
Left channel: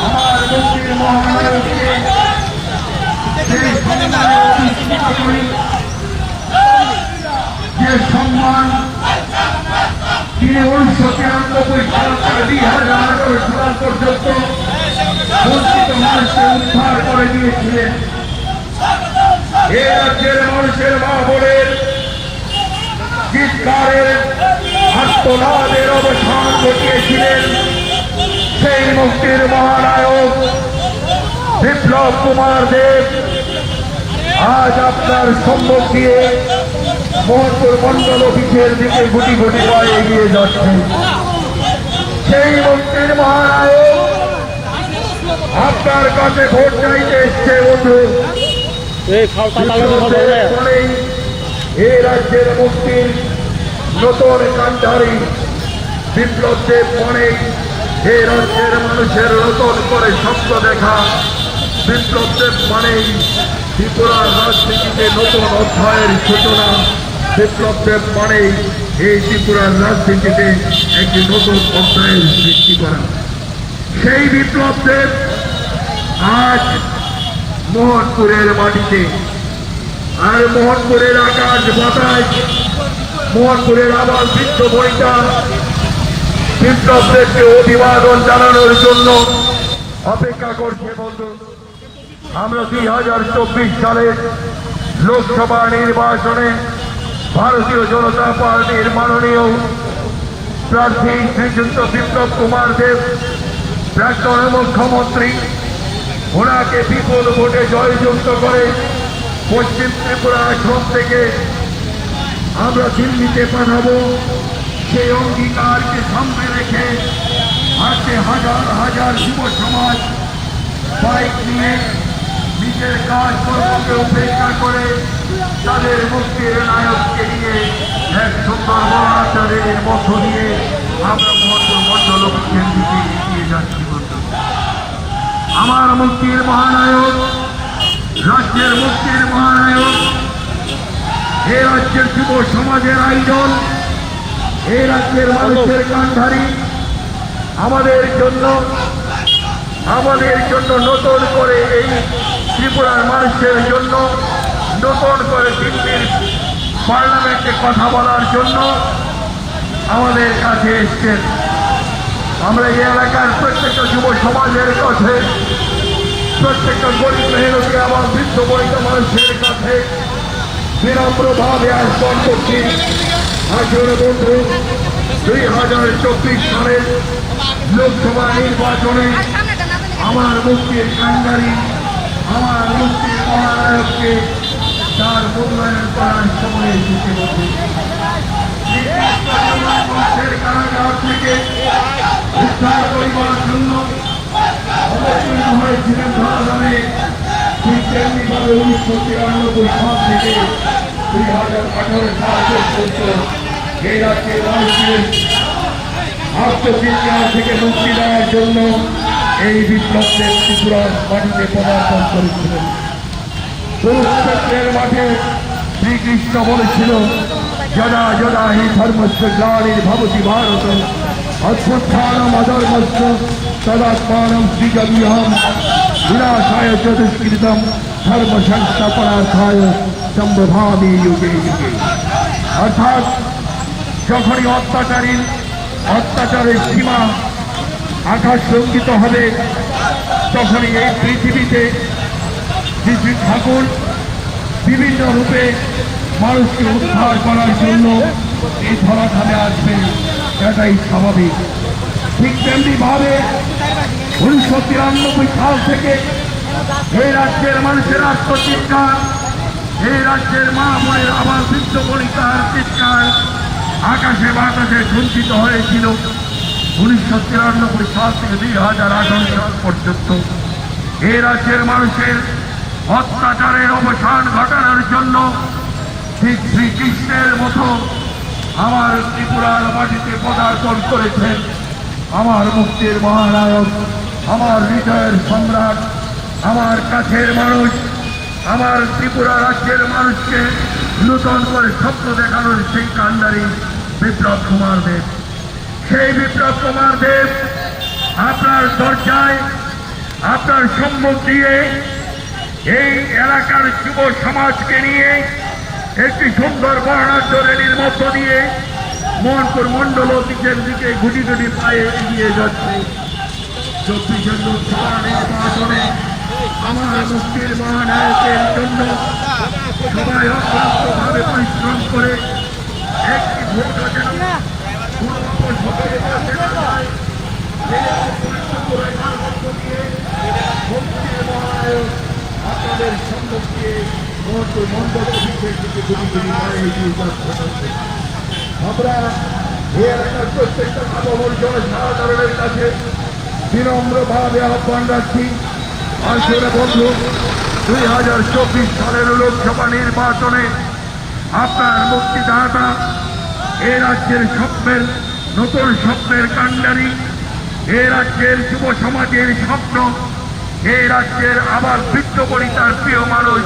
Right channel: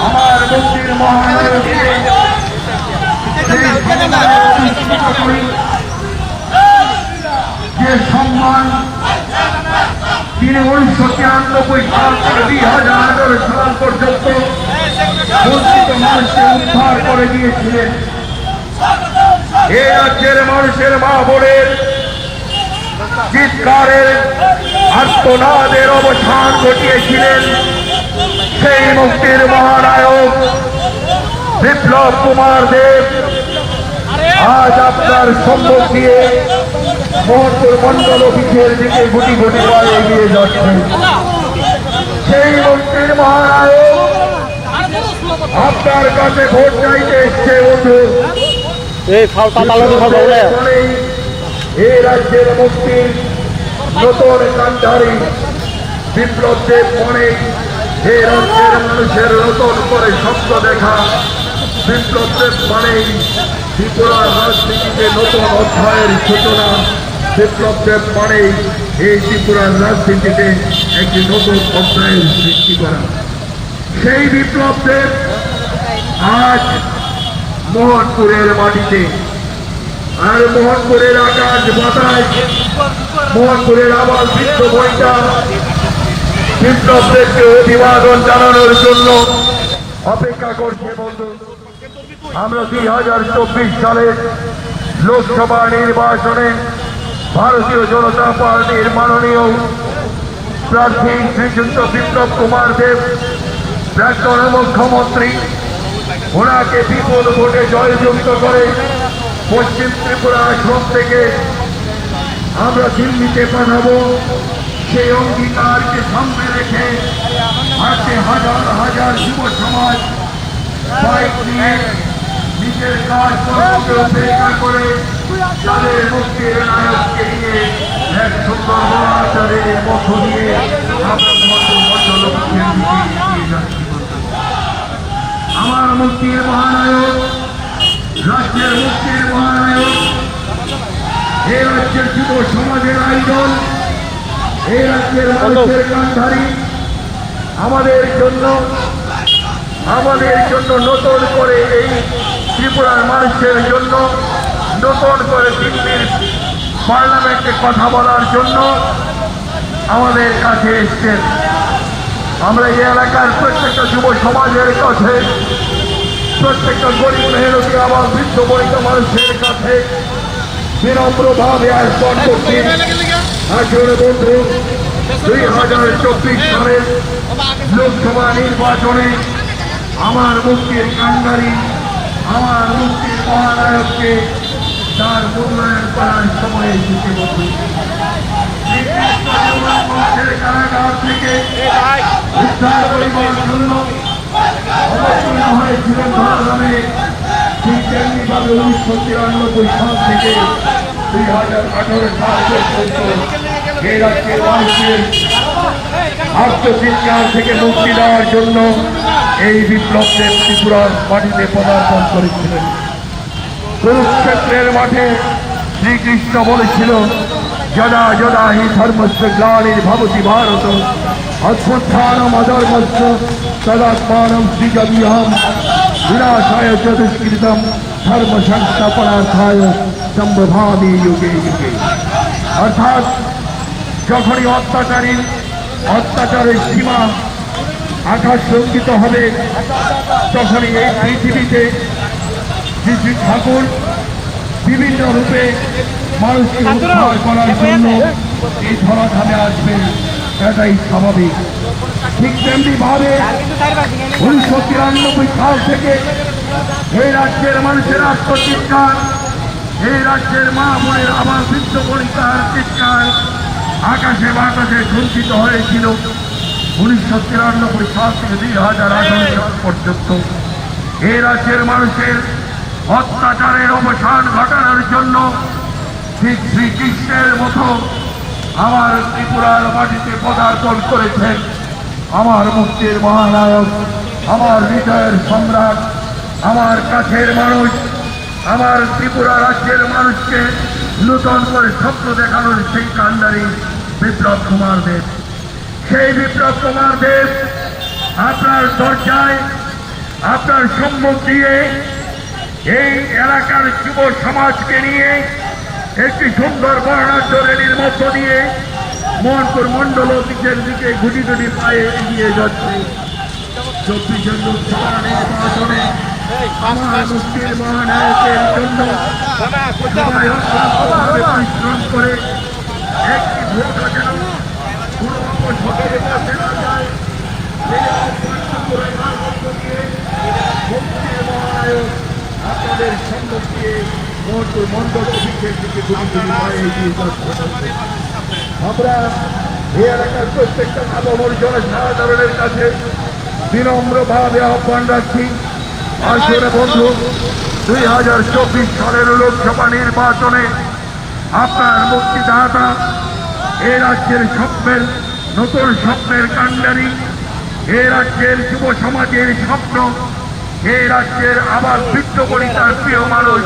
আমার মুক্তির মহানায়ককে যে সম্মান তিনি 1993 সাল থেকে 2011 সাল পর্যন্ত বঞ্চিত মানুষকে উদ্ধার করে দিয়েছিলেন। এ রাজ্যের মানুষের মা বোনের চিৎকারের আর্তনাদের অবসান ঘটিয়েছিলেন সেই মুক্তির মহানায়ক বিপ্লব কুমার দেব আজ আপনার সম্মুখ দিয়ে মোহনপুর মণ্ডল অফিসের দিকে গুটি গুটি পায়ে এগিয়ে যাচ্ছেন। সেই মুক্তির মহানায়ক আপনার কাছে ভোট চাইতে এসছে বন্ধু। বলেই এই রাজ্যের মুক্তির নতুন কান্ডারি বিপ্লব দেব মনেই এই রাজ্যের মানুষের নতুন করে স্বপ্ন দেখা বিপ্লব দেব মানেই ত্রিপুরার রাজনীতিতে নতুন অধ্যায়ের সূচনা। বিপ্লব দেব মানেই এই ত্রিপুরার রাজনীতিতে একটি নতুন অধ্যায়ের সৃষ্টি করা। সেই বিপ্লব দেব আজ মোহনপুরের মাটিতে, আর মোহনপুরের আকাশ বাতাস, মোহনপুরের আবার বৃদ্ধ বইটা বিপ্লব দেবকে অভিবাদন জানানোর জন্য অপেক্ষা করছে বন্ধু। আমরা 2024 সালের লোকসভা নির্বাচনে ভারতীয় জনতা পার্টির মাননীয় প্রার্থী শ্রীযুক্ত বিপ্লব কুমার দেব, প্রাক্তন মুখ্যমন্ত্রী, ওনাকে বিপুল ভোটে জয়যুক্ত করে পশ্চিম ত্রিপুরা আসন থেকে আমরা দিল্লিতে পাঠাবো। সেই অঙ্গীকারকে সামনে রেখে আজকে হাজার হাজার যুব সমাজ বাইক নিয়ে নিজের কাজকর্মকে উপেক্ষা করে তাদের মুক্তির নায়ককে নিয়ে এক সুন্দর মহাচারের মধ্য দিয়ে আমরা লক্ষ্যের দিকে এগিয়ে যাচ্ছি। আমার মুক্তির মহানায়ক, রাজ্যের মুক্তির মহানায়ক, এই রাজ্যের যুব সমাজের আইডল, এই রাজ্যের মানুষের কান্ডারি আমাদের জন্য নতুন করে এই ত্রিপুরার মানুষের জন্য নতুন করে দিল্লির পার্লামেন্টে কথা বলার জন্য আমাদের কাছে এসছেন। আমরা এই এলাকার প্রত্যেকটা যুব সমাজের কাছে, প্রত্যেকটা গরিব মেহনতি আমার বৃদ্ধ বনিতা মানুষের কাছে বিনম্রভাবে আহ্বান করছি। আসলে বন্ধু, 2024 সালের লোকসভা নির্বাচনে আমার মুক্তির কান্ডারি, আমার মুক্তির মহানায়ককে তার মূল্যায়ন করার সময় এসেছে বন্ধু। কারাগার থেকে উদ্ধার করিবার জন্য অবতীর্ণ হয়েছিলেন ধরাধামে। ঠিক তেমনিভাবে 1993 সাল থেকে 2018 সাল পর্যন্ত এই রাজ্যের মানুষের আত্মচিৎকার থেকে মুক্তি দেওয়ার জন্য এই বিপ্লব দেব ত্রিপুরার মাটিতে পদার্পণ করেছিলেন। কুরুক্ষেত্রের মাঠে শ্রীকৃষ্ণ বলেছিল, যদা যদা হি ধর্মস্য গ্লানির্ভবতি ভারত অভ্যুত্থানম অধর্মস্য তদাত্মানম সৃজাম্যহম বিনাশায় চ দুষ্কৃতম ধর্ম সংস্থাপনার্থায় সম্ভবামি যুগে যুগে। অর্থাৎ যখনই অত্যাচারের সীমা আকাশ লঙ্ঘিত হবে, তখনই এই পৃথিবীতে শ্রী ঠাকুর বিভিন্ন রূপে মানুষকে উদ্ধার করার জন্য এই ধরাধামে আসবে, এটাই স্বাভাবিক। ঠিক তেমনি ভাবে 1993 সাল থেকে এই রাজ্যের মানুষের আত্মচিৎকার, এই রাজ্যের মা বোনের আমার বৃদ্ধ বনিতার চিৎকার আকাশে বাতাসে ঝঞ্চিত হয়েছিল। 1993 সাল থেকে 2018 সাল পর্যন্ত এই রাজ্যের মানুষের অত্যাচারের অবসান ঘটানোর জন্য ঠিক শ্রীকৃষ্ণের মতো আমার ত্রিপুরার মাটিতে পদার্পণ করেছেন আমার মুক্তির মহানায়ক, আমার হৃদয়ের সম্রাট, আমার কাছের মানুষ, আমার ত্রিপুরা রাজ্যের মানুষকে নতুন করে স্বপ্ন দেখানোর সেই কান্ডারি বিপ্লব কুমার দেব। সেই বিপ্লব কুমার দেব আপনার দরজায়, আপনার সম্মুখ দিয়ে এই এলাকার যুব সমাজকে নিয়ে একটি সুন্দর বর্ণাঢ্য র্যালির মধ্য দিয়ে মোহনপুর মন্ডল অফিসের দিকে গুটি গুটি পায়ে এগিয়ে যাচ্ছে। 24 লোকসভা নির্বাচনে আমার মুক্তির মহানায়কের জন্য সবাই অক্লান্তভাবে পরিশ্রম করে একটি ভোট যেন কোনো অপশক্তির কাছে না যায়, মুক্তির মহানায়ক আপনাদের সম্মুখ দিয়ে মোহনপুর মন্ডল অফিসের দিকে গুটি গুটি পায়ে এগিয়ে যাচ্ছে। আমরা এই এলাকার প্রত্যেকটা ভালো জনসাধারণের কাছে বিনম্রভাবে আহ্বান রাখছি, আসলে বন্ধু 2024 সালের লোকসভা নির্বাচনে আপনার মুক্তিদাতা এ রাজ্যের স্বপ্নের নতুন স্বপ্নের কাণ্ডারি, এ রাজ্যের যুব সমাজের স্বপ্ন, এ রাজ্যের আবার বৃত্তবনিতার প্রিয় মানুষ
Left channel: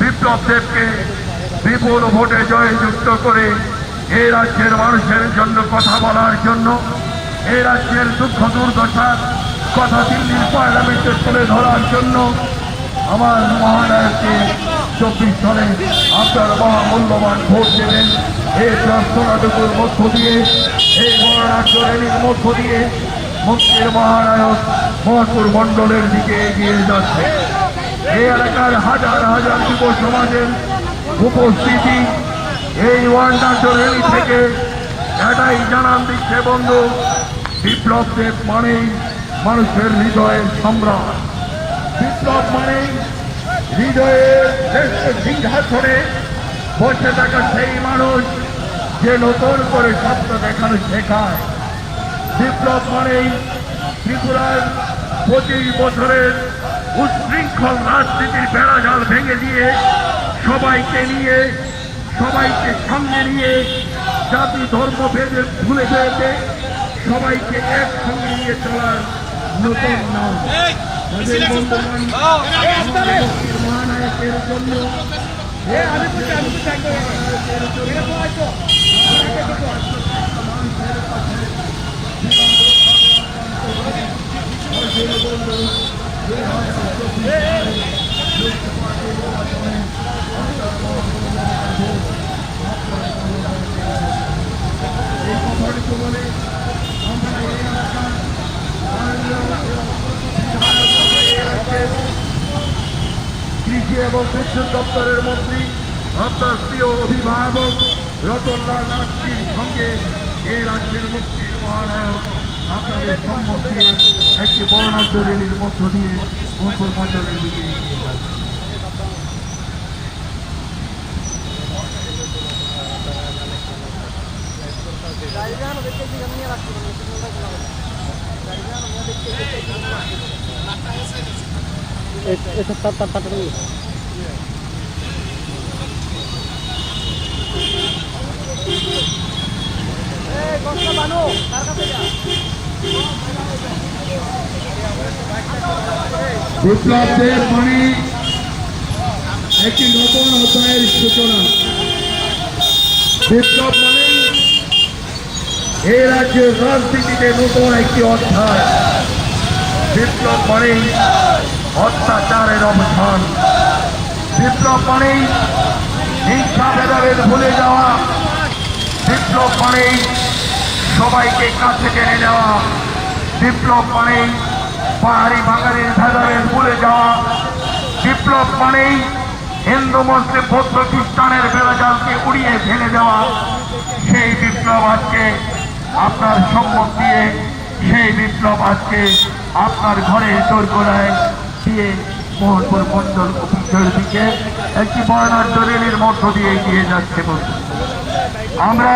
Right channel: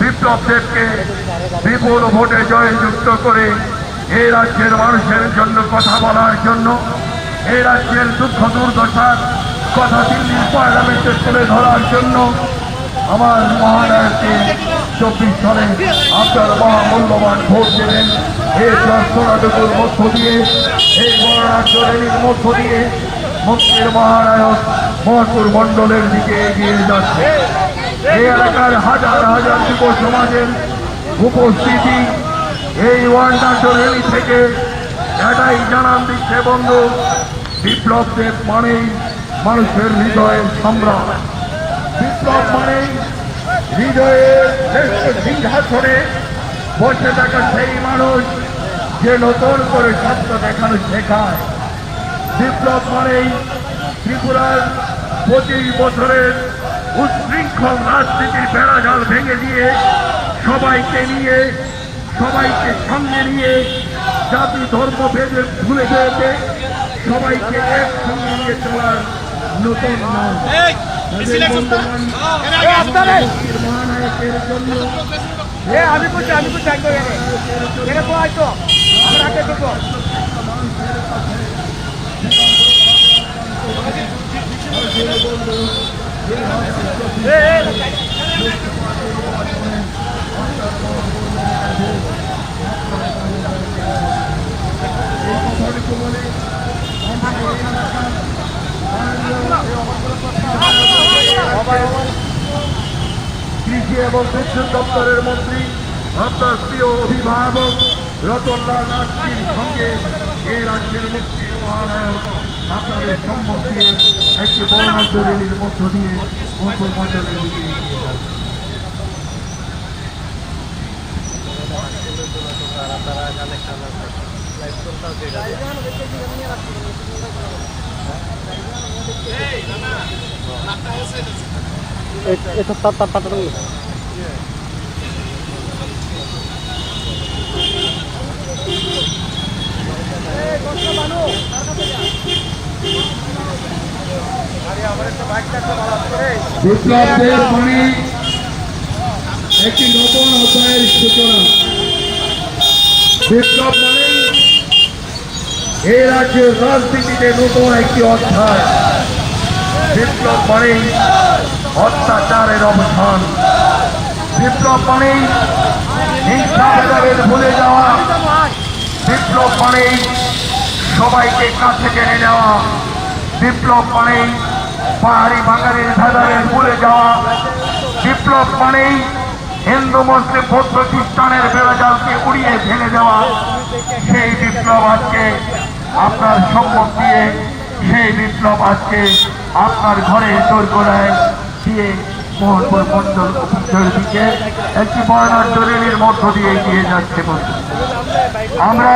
বিপ্লব দেবকে বিপুল ভোটে জয়যুক্ত করে এই রাজ্যের মানুষের জন্য কথা বলার জন্য, এই রাজ্যের দুঃখ দুর্দশার কথা দিল্লির পার্লামেন্টে তুলে ধরার জন্য আমার মহানায়ককে 24 সালে আপনার মহামূল্যবান ভোট দেবেন। এই প্রার্থনাটুকুর মধ্য দিয়ে, এই গণরাজ্য র্যালির মধ্য দিয়ে মুক্তির মহানায়ক মহকুর মণ্ডলের দিকে এগিয়ে যাচ্ছে। এই এলাকার হাজার হাজার যুব সমাজের উপস্থিতি এই ওয়ান্ডার র্যালি থেকে এটাই জানান দিচ্ছে বন্ধু, বিপ্লব দেব মানেই মানুষের হৃদয়ের সম্রাট। বিপ্লব মানেই হৃদয়ের সিংহাসনে বসে থাকা সেই মানুষ যে নতুন করে স্বপ্ন দেখানো শেখায়। বিপ্লব মানেই ত্রিপুরার 25 বছরের উচ্ছৃঙ্খল রাজনীতির বেড়াজাল ভেঙে দিয়ে সবাইকে নিয়ে, সবাইকে সঙ্গে নিয়ে, জাতি ধর্ম ভেদে ভুলে যেতে সবাইকে একসঙ্গে নিয়ে চলার নতুন নাম। মহানায়কের জন্য আমি কৃষি এবং বিদ্যুৎ দপ্তরের মন্ত্রী আপনার প্রিয় অভিভাবক রতনলাল নাথজির সঙ্গে এই রাজ্যের মুক্তির মহানায়ক আপনাদের সম্মত দিয়ে একটি বর্ণাঢ্য র্যালির মধ্য দিয়ে মঙ্গল মণ্ডলের দিকে এগিয়ে যাচ্ছে। এটা তার পাঠানো বিপ্লব দেব মানে একটি নতুন অধ্যায়ের সূচনা। বিপ্লব মানে এই রাজ্যের রাজনীতিতে নতুন একটি অধ্যায়। বিপ্লব মানে অত্যাচারের অবসান। বিপ্লব মানে হিংসা ভেদাভেদ ভুলে যাওয়া। বিপ্লব মানে সবাইকে কাছে টেনে নেওয়া। বিপ্লব মানে পাহাড়ি বাঙালির ভেদাভেদ ভুলে যাওয়া। বিপ্লব মানেই হিন্দু মুসলিম বৌদ্ধ খ্রিস্টানের বেড়াজালকে উড়িয়ে ভেঙে দেওয়া। সেই বিপ্লব আজকে আপনার সম্মত দিয়ে, সেই বিপ্লব আজকে আপনার ঘরে দোরগোড়ায় দিয়ে মোহনপুর মন্ডল অফিসের দিকে একটি বর্ণাঢ্য র্যালির মধ্য দিয়ে এগিয়ে যাচ্ছে। আমরা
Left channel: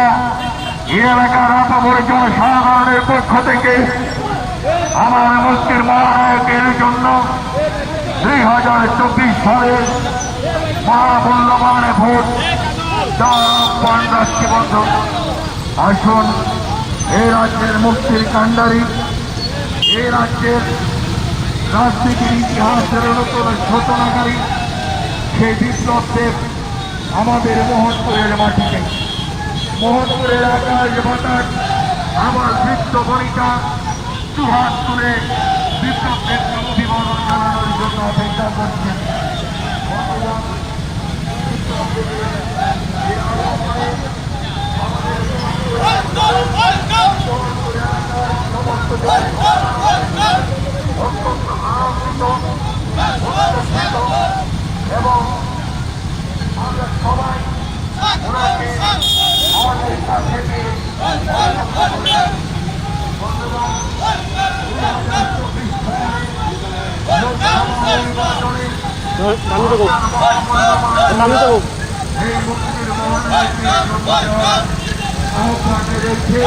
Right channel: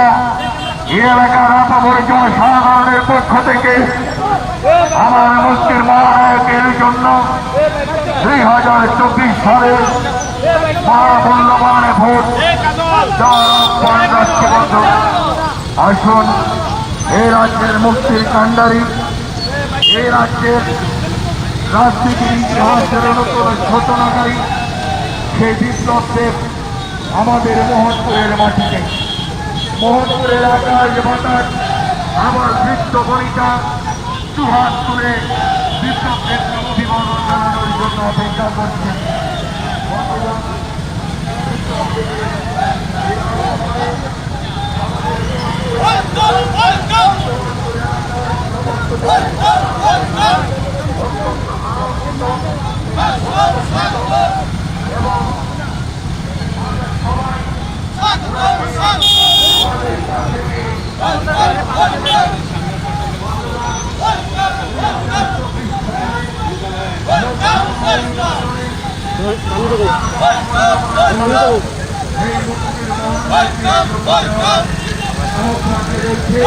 এই এলাকার আপামর জনসাধারণের পক্ষ থেকে আমার মুক্তির মহানায়কের জন্য 2024 সালের মহামূল্যবান ভোট দেওয়ার রাষ্ট্রীয় বন্ধু, আসুন এই রাজ্যের মুক্তির কাণ্ডারি, এই রাজ্যের রাজনীতির ইতিহাসের নতুন সূচনাকারী সেই বিপ্লব দেব আমাদের মোহনপুরের মাটিতে, মোহনপুরের আকাশ বাতাস আমার বৃত্ত বনিতা দুহাত তুলে বিপ্লব দেবকে অভিবাদন জানানোর জন্য অপেক্ষা করছেন। এবং আমরা সবাই আমাদের কাছে এই মুক্তির মহানায়কের আহ্বানে রেখে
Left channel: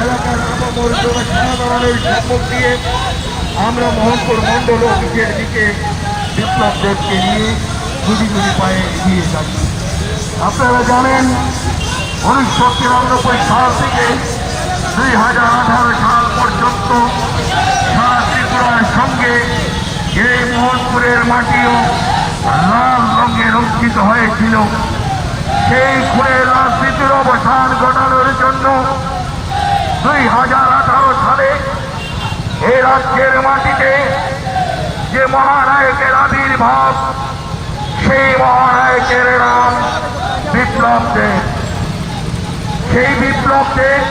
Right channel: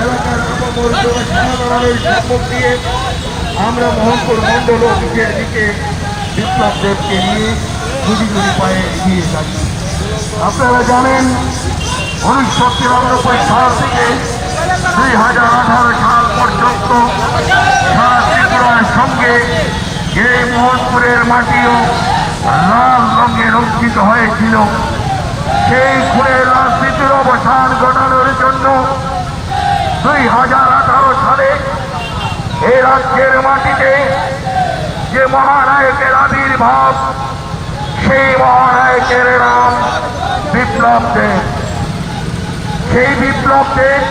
এলাকার আপামর জনসাধারণের সম্মুখ দিয়ে আমরা মোহনপুর মণ্ডল অফিসের দিকে বিপ্লব দেবকে নিয়ে গুটি গুটি পায়ে এগিয়ে যাচ্ছি। আপনারা জানেন 1993 সাল থেকে 2018 সাল পর্যন্ত সারা ত্রিপুরার সঙ্গে এই মোহনপুরের মাটিও লাল রঙে রঞ্জিত হয়েছিল। সেই খুনের রাজনীতির অবসান ঘটানোর জন্য 2018 সালে এই রাজ্যের মাটিতে যে মহানায়কের আবির্ভাব, সেই মহানায়কের নাম বিপ্লব দেব। সেই বিপ্লব দেব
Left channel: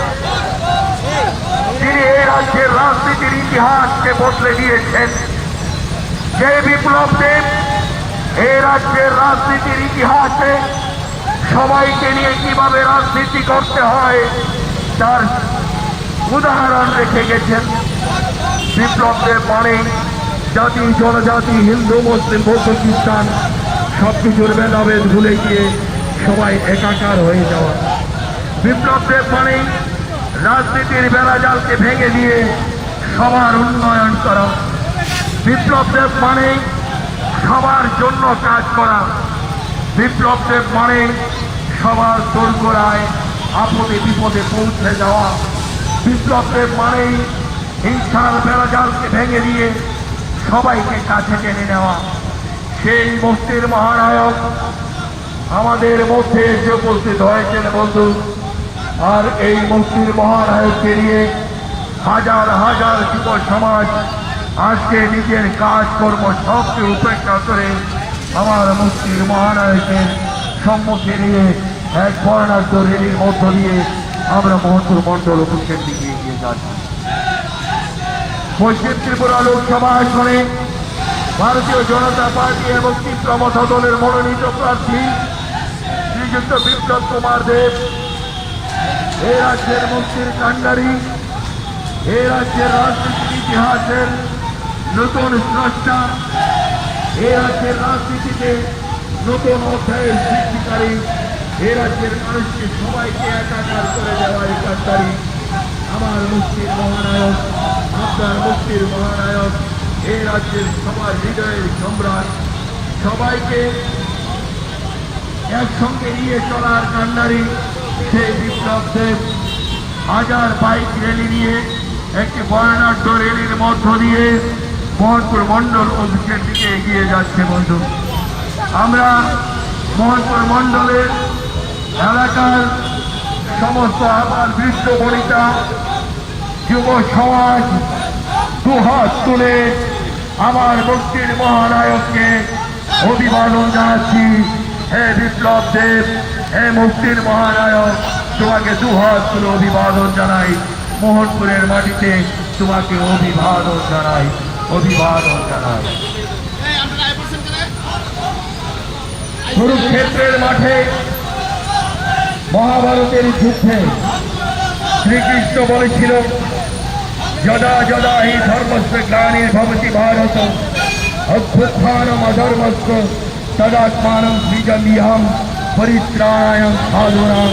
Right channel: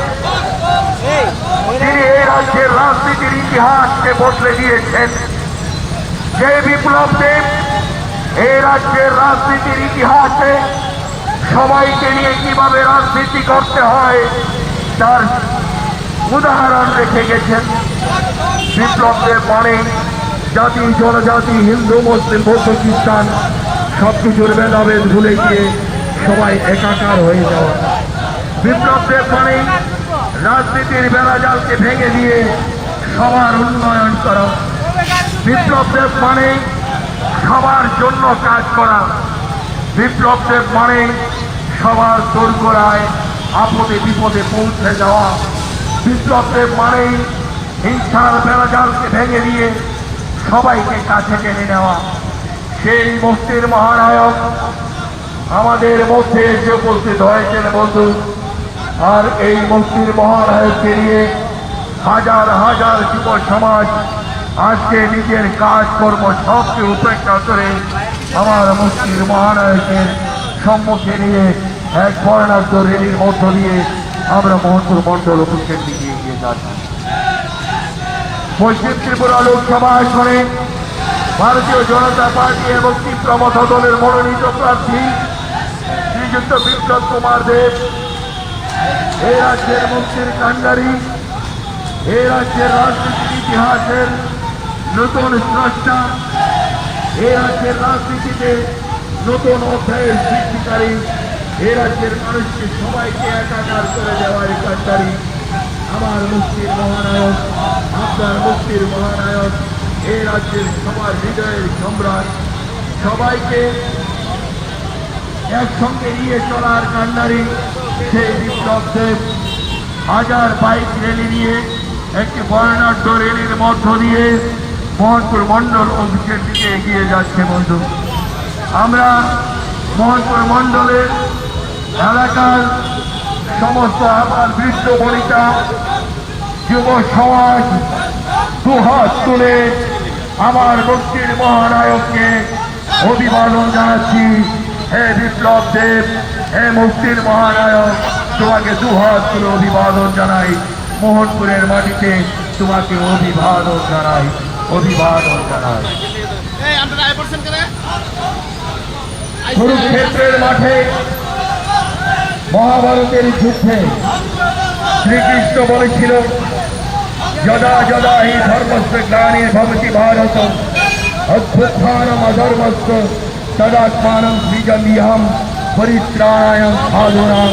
তিনি এই রাজ্যের রাজনীতির ইতিহাসকে বদলে দিয়েছেন। যে বিপ্লব দেব এই রাজ্যের রাজনীতির ইতিহাসে সবাইকে নিয়ে কিভাবে রাজনীতি করতে হয় তার উদাহরণ রেখে গেছেন। বিপ্লব দেব মানে জাতি জনজাতি, হিন্দু মুসলিম বৌদ্ধ খ্রিস্টান সবকিছুর ভেদাভেদ ভুলে গিয়ে সবাই একাকার হয়ে যাওয়া। বিপ্লব দেব মানে রাজনীতির বেড়াজালকে ভেঙে দিয়ে সবার উন্নয়ন করা। বিপ্লব দেব মানে সবার জন্য কাজ করা। বিপ্লব দেব মানে সবার দোরগোড়ায় আপদে বিপদে পৌঁছে যাওয়া। বিপ্লব দেব মানে হিংসার বেড়াজালকে ভেঙে দিয়ে সবাইকে কাছে টেনে নেওয়া। সেই মুক্তির মহানায়ক আমাদের মধ্যে এসে উপস্থিত হয়েছেন বন্ধু। আর এই মুক্তির মহানায়ককে নিয়ে হাজার হাজার যুব সমাজ আজকে নিজের কাজকর্ম সবকে উপেক্ষা করে আমার মুক্তির মহানায়কের সম্মুখে নিয়ে এক বর্ণাঢ্য রেলির মধ্য দিয়ে আমরা মোহনপুর মণ্ডল অফিসের দিকে এগিয়ে যাচ্ছি। পশ্চিম ত্রিপুরা লোকসভা আসনে ভারতীয় জনতা পার্টি এবং তীব্রমথ দলের মনোনীত প্রার্থী শ্রীযুক্ত বিপ্লব কুমার দেব এই রাজ্যের মুক্তির কাণ্ডারী, এই রাজ্যের রাজনীতির ইতিহাসের নতুন স্রষ্টা, এই রাজ্যের রাজনীতিতে নতুন অধ্যায়ের সৃষ্টিকারী, এই রাজ্যের মানুষকে সবাইকে একাকার করে দেওয়ার কাণ্ডারী আমার মুক্তির মহানায়ক, আপনার মুক্তির মহানায়ক, এই রাজ্যের সবার হৃদয়ের সম্রাট, সবাইকে একসঙ্গে নিয়ে চলার কাণ্ডারী সেই বিপ্লব দেব হাজার বাইক র্যালি নিয়ে একটি বর্ণাঢ্য র্যালির মধ্য দিয়ে মোহনপুর মণ্ডল অফিসের দিকে এগিয়ে যাচ্ছে বন্ধু। আমরা মোহনপুর মণ্ডলের এলাকার সমস্ত আবার বৃদ্ধ বনিতা যুব সমাজ দুহাত তুলে আমার মুক্তির মহানায়ককে অভিবাদন জানাচ্ছি। হে বিপ্লব দেব, হে মুক্তির মহানায়ক, তোমাকে দুহাত তুলে অভিবাদন জানাই। মোহনপুরের মাটিতে তোমাকে অভিবাদন জানাই, অভিবাদন জানাই। কুরুক্ষেত্রের মাঠে মহাভারতের যুদ্ধে শ্রীকৃষ্ণ বলেছিল, যদা যদা হি ধর্মস্য গ্লানির্ভবতি ভারত অভ্যুত্থানম অধর্মস্য তদাত্মানং সৃজাম্যহম পরিত্রাণায় সাধুনাং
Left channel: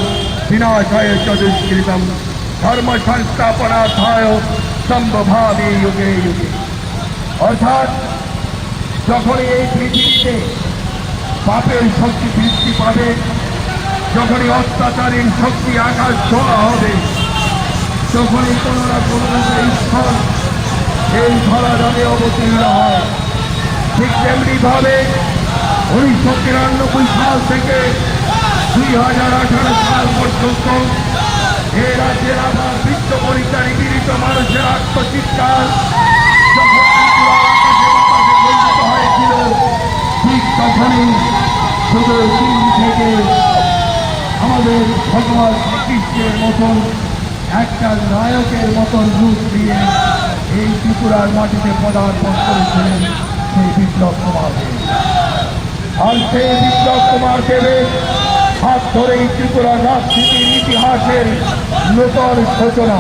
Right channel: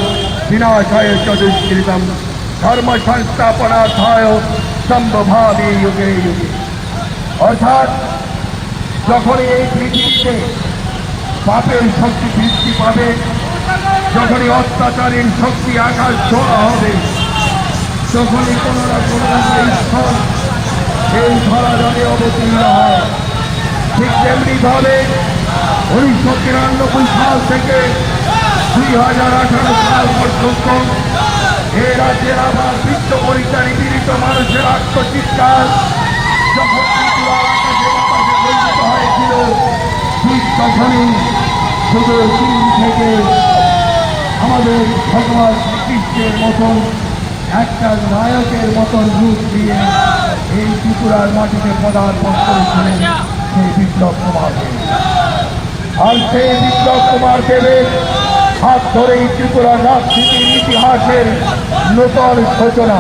বিনাশায় চ দুষ্কৃতম ধর্ম সংস্থাপনার্থায় সম্ভবামি যুগে যুগে। অর্থাৎ যখনই এই পৃথিবীতে পাপের শক্তি বৃদ্ধি পাবে, যখনই অত্যাচারের শক্তি আকাশ ছোঁয়া হবে, যখনই কোনো না কোনো ঈশ্বর এই ধরাধামে অবতীর্ণ হয়। ঠিক তেমনিভাবে 1993 সাল থেকে 2018 সাল পর্যন্ত এই রাজ্যের আবার বৃত্ত পরিচারী পীড়িত মানুষের আত্মচিৎকার যখন ত্রিপুরার আকাশে বাতাসে বঞ্চিত হয়েছিল, ঠিক তখনই শুধু চীন থেকে আমাদের ভগবান শ্রীকৃষ্ণের মতন একটা নায়কের মতন রূপ দিয়ে এই ত্রিপুরার মাটিতে পদার্পণ করেছিলেন সেই বিপ্লব কুমার দেব। আর সেই বিপ্লব কুমার দেবের হাত ধরেই ত্রিপুরার রাজনীতির ইতিহাসের নতুন সূচনা,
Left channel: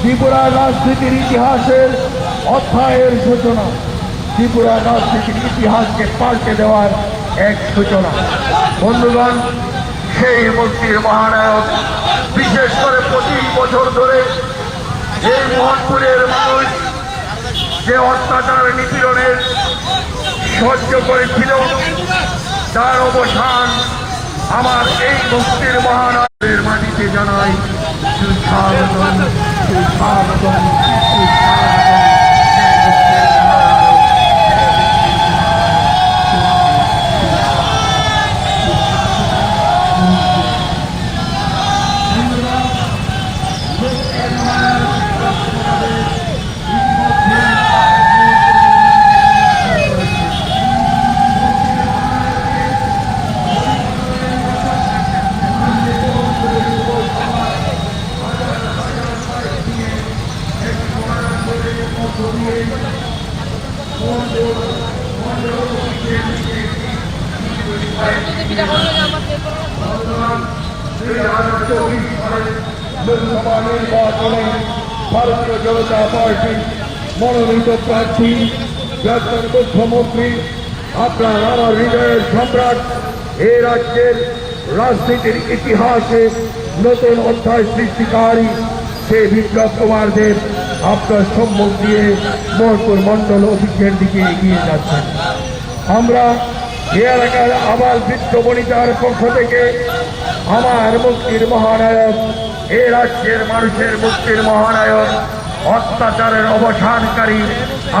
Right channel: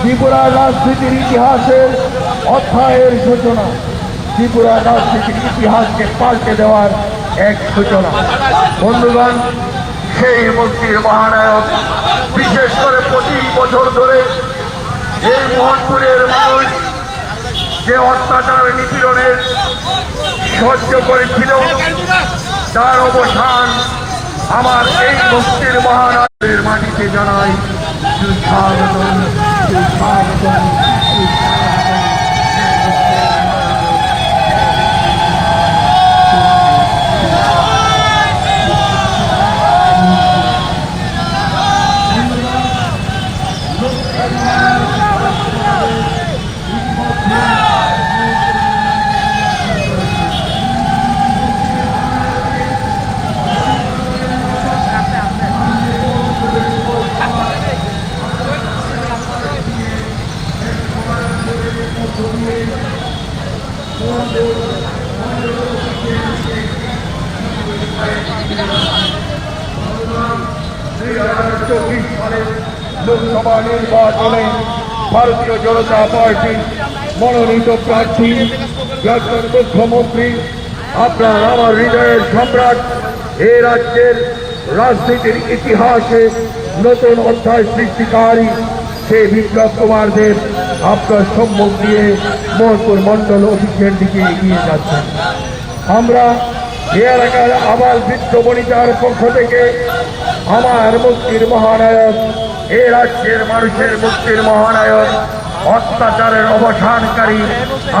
ত্রিপুরার রাজনীতির ইতিহাসের অধ্যায়ের সূচনা, ত্রিপুরার রাজনীতির ইতিহাসকে পাল্টে দেওয়ার এক সূচনা। বন্ধুগণ, সেই মুক্তির মহানায়ক। বিশেষ করে 25 বছর ধরে এই মোহনপুরের মানুষ যে অত্যাচার নিপীড়নের সহ্য করেছিল, তার অবসান আমার এই মুক্তির মহানায়কের মাটিতে জানাই সুস্বাগতম, সুস্বাগতম, সুস্বাগতম। লোকসভা নির্বাচনে ভারতীয় জনতা পার্টি মনোনীত প্রার্থী প্রাক্তন মুখ্যমন্ত্রী, আপনার আমার হৃদয়ের সম্রাট, এ রাজ্যের রাজনীতির ইতিহাসে নতুন অধ্যায় সৃষ্টিকারী সেই বিপ্লব কুমার দেব আপনার সম্মুখ দিয়ে মোহনপুর মন্ডল অফিসের দিকে এগিয়ে যাচ্ছেন। আমরা এ এলাকার আবাল বৃদ্ধ বনিতার পক্ষ থেকে আমার মুক্তির মহানায়ক, এ রাজ্যের মানুষের মুক্তির মহানায়ক, অত্যাচারের অবসানকারী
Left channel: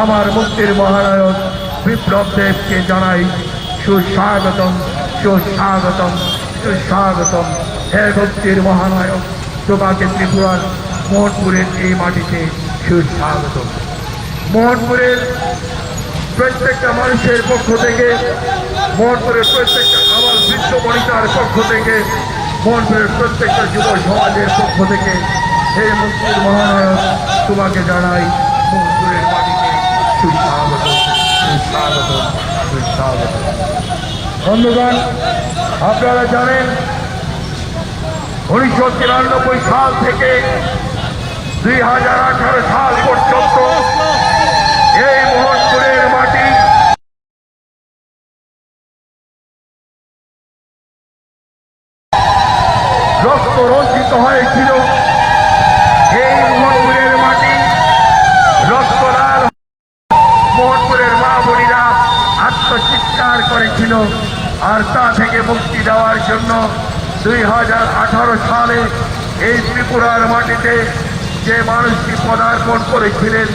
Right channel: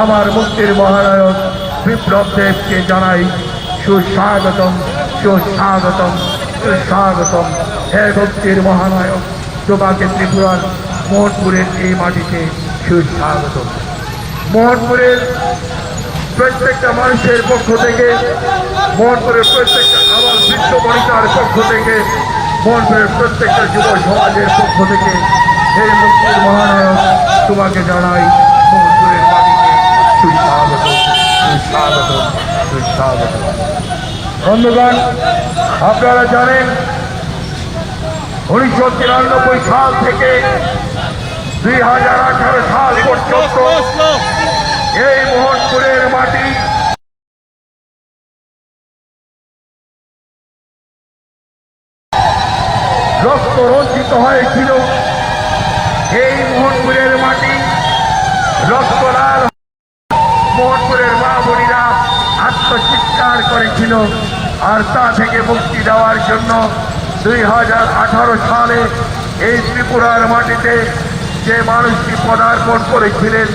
আমার মুক্তির মহানায়ক বিপ্লব দেবকে জানাই সুস্বাগতম, সুস্বাগতম, সুস্বাগতম। হে মুক্তির মহানায়ক, তোমাকে ত্রিপুরার মোহনপুরের এই মাটিতে সুস্বাগতম। মোহনপুরের প্রত্যেকটা মানুষের পক্ষ থেকে, মোহনপুরের প্রত্যেকটা আবার বৃদ্ধ বনিতার পক্ষ থেকে, মোহনপুরের প্রত্যেকটা যুব সমাজের পক্ষ থেকে এই মুক্তির মহানায়ক তোমাকে জানাই মোহনপুরের মাটিতে সুস্বাগত, সুস্বাগত, সুস্বাগত। বন্ধুগণ, আপনারা জানেন 1993 সাল থেকে 2018 সাল পর্যন্ত এই মোহনপুরের মাটি রক্ত রঞ্জিত হয়েছিল। এই মোহনপুরের মাটি রক্ত লাল, মোহনপুরের মা বোনেরা আত্মচিৎকার করেছিল। আর তা থেকে মুক্তি দেওয়ার জন্য 2018 সালে এই ত্রিপুরার মাটিতে যে মানুষটি পদার্পণ করেছিলেন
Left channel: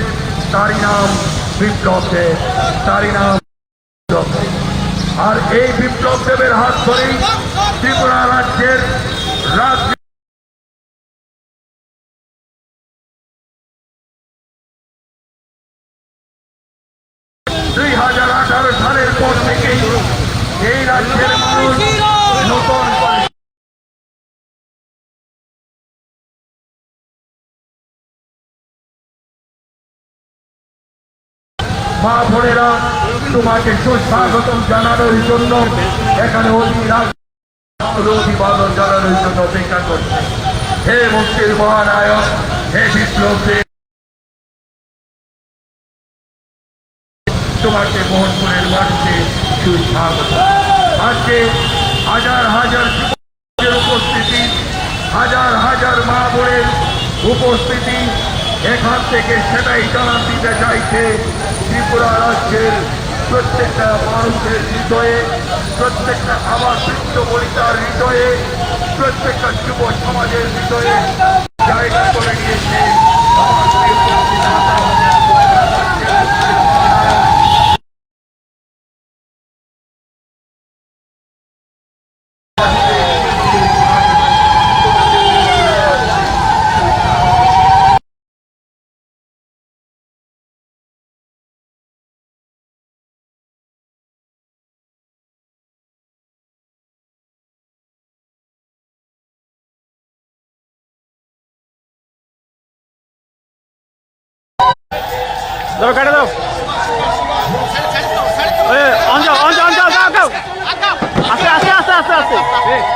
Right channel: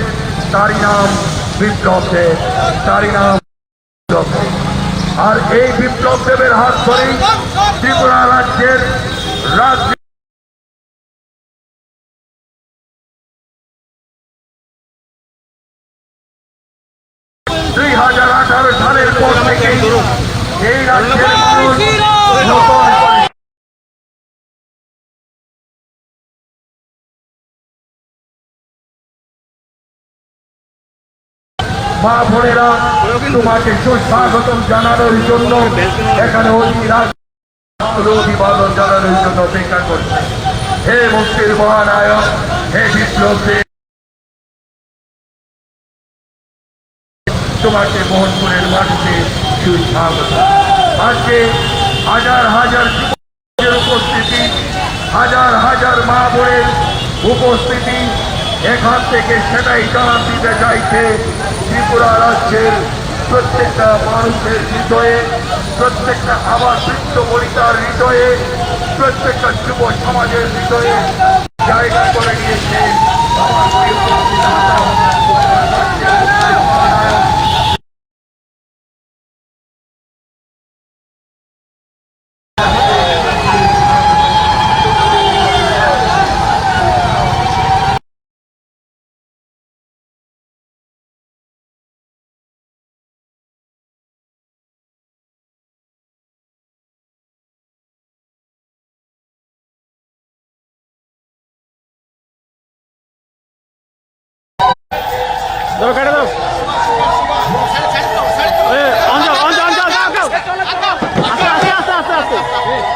তারই নাম বিপ্লব দেব, তারই নাম বিপ্লব দেব। আর এই বিপ্লব দেবের হাত ধরেই ত্রিপুরা রাজ্যের রাজনীতি 2018 সালের পর থেকেই এই রাজ্যের মানুষ নতুন করে মা বোনেরা তোমাকে সুস্বাগতম জানানোর জন্য এখানে অভিবাদন জানানোর জন্য অপেক্ষা করছে। হে মুক্তির মহানায়ক, হে বিপ্লব দেব, তোমাকে মোহনপুরের মাটিতে সুস্বাগত। আজকে হাজার হাজার যুবকের উপস্থিতি, হাজার হাজার মা বোনের উপস্থিতি এখান থেকে সেটাই জানান দিতে চাইছে ত্রিপুরা রাজ্যের প্রত্যেকটা মানুষের হৃদয়ে, প্রত্যেকটা আবার বৃদ্ধ বনিতার হৃদয়ে, প্রত্যেকটা যুব সমাজের হৃদয়ে জায়গা করে নিয়েছে আমার প্রিয় নেতা, দাও কাটে দাও। অঞ্চল অঞ্চল অঞ্চল দাও দাও। আস্তে আস্তে আস্তে আস্তে আস্তে আস্তে আস্তে।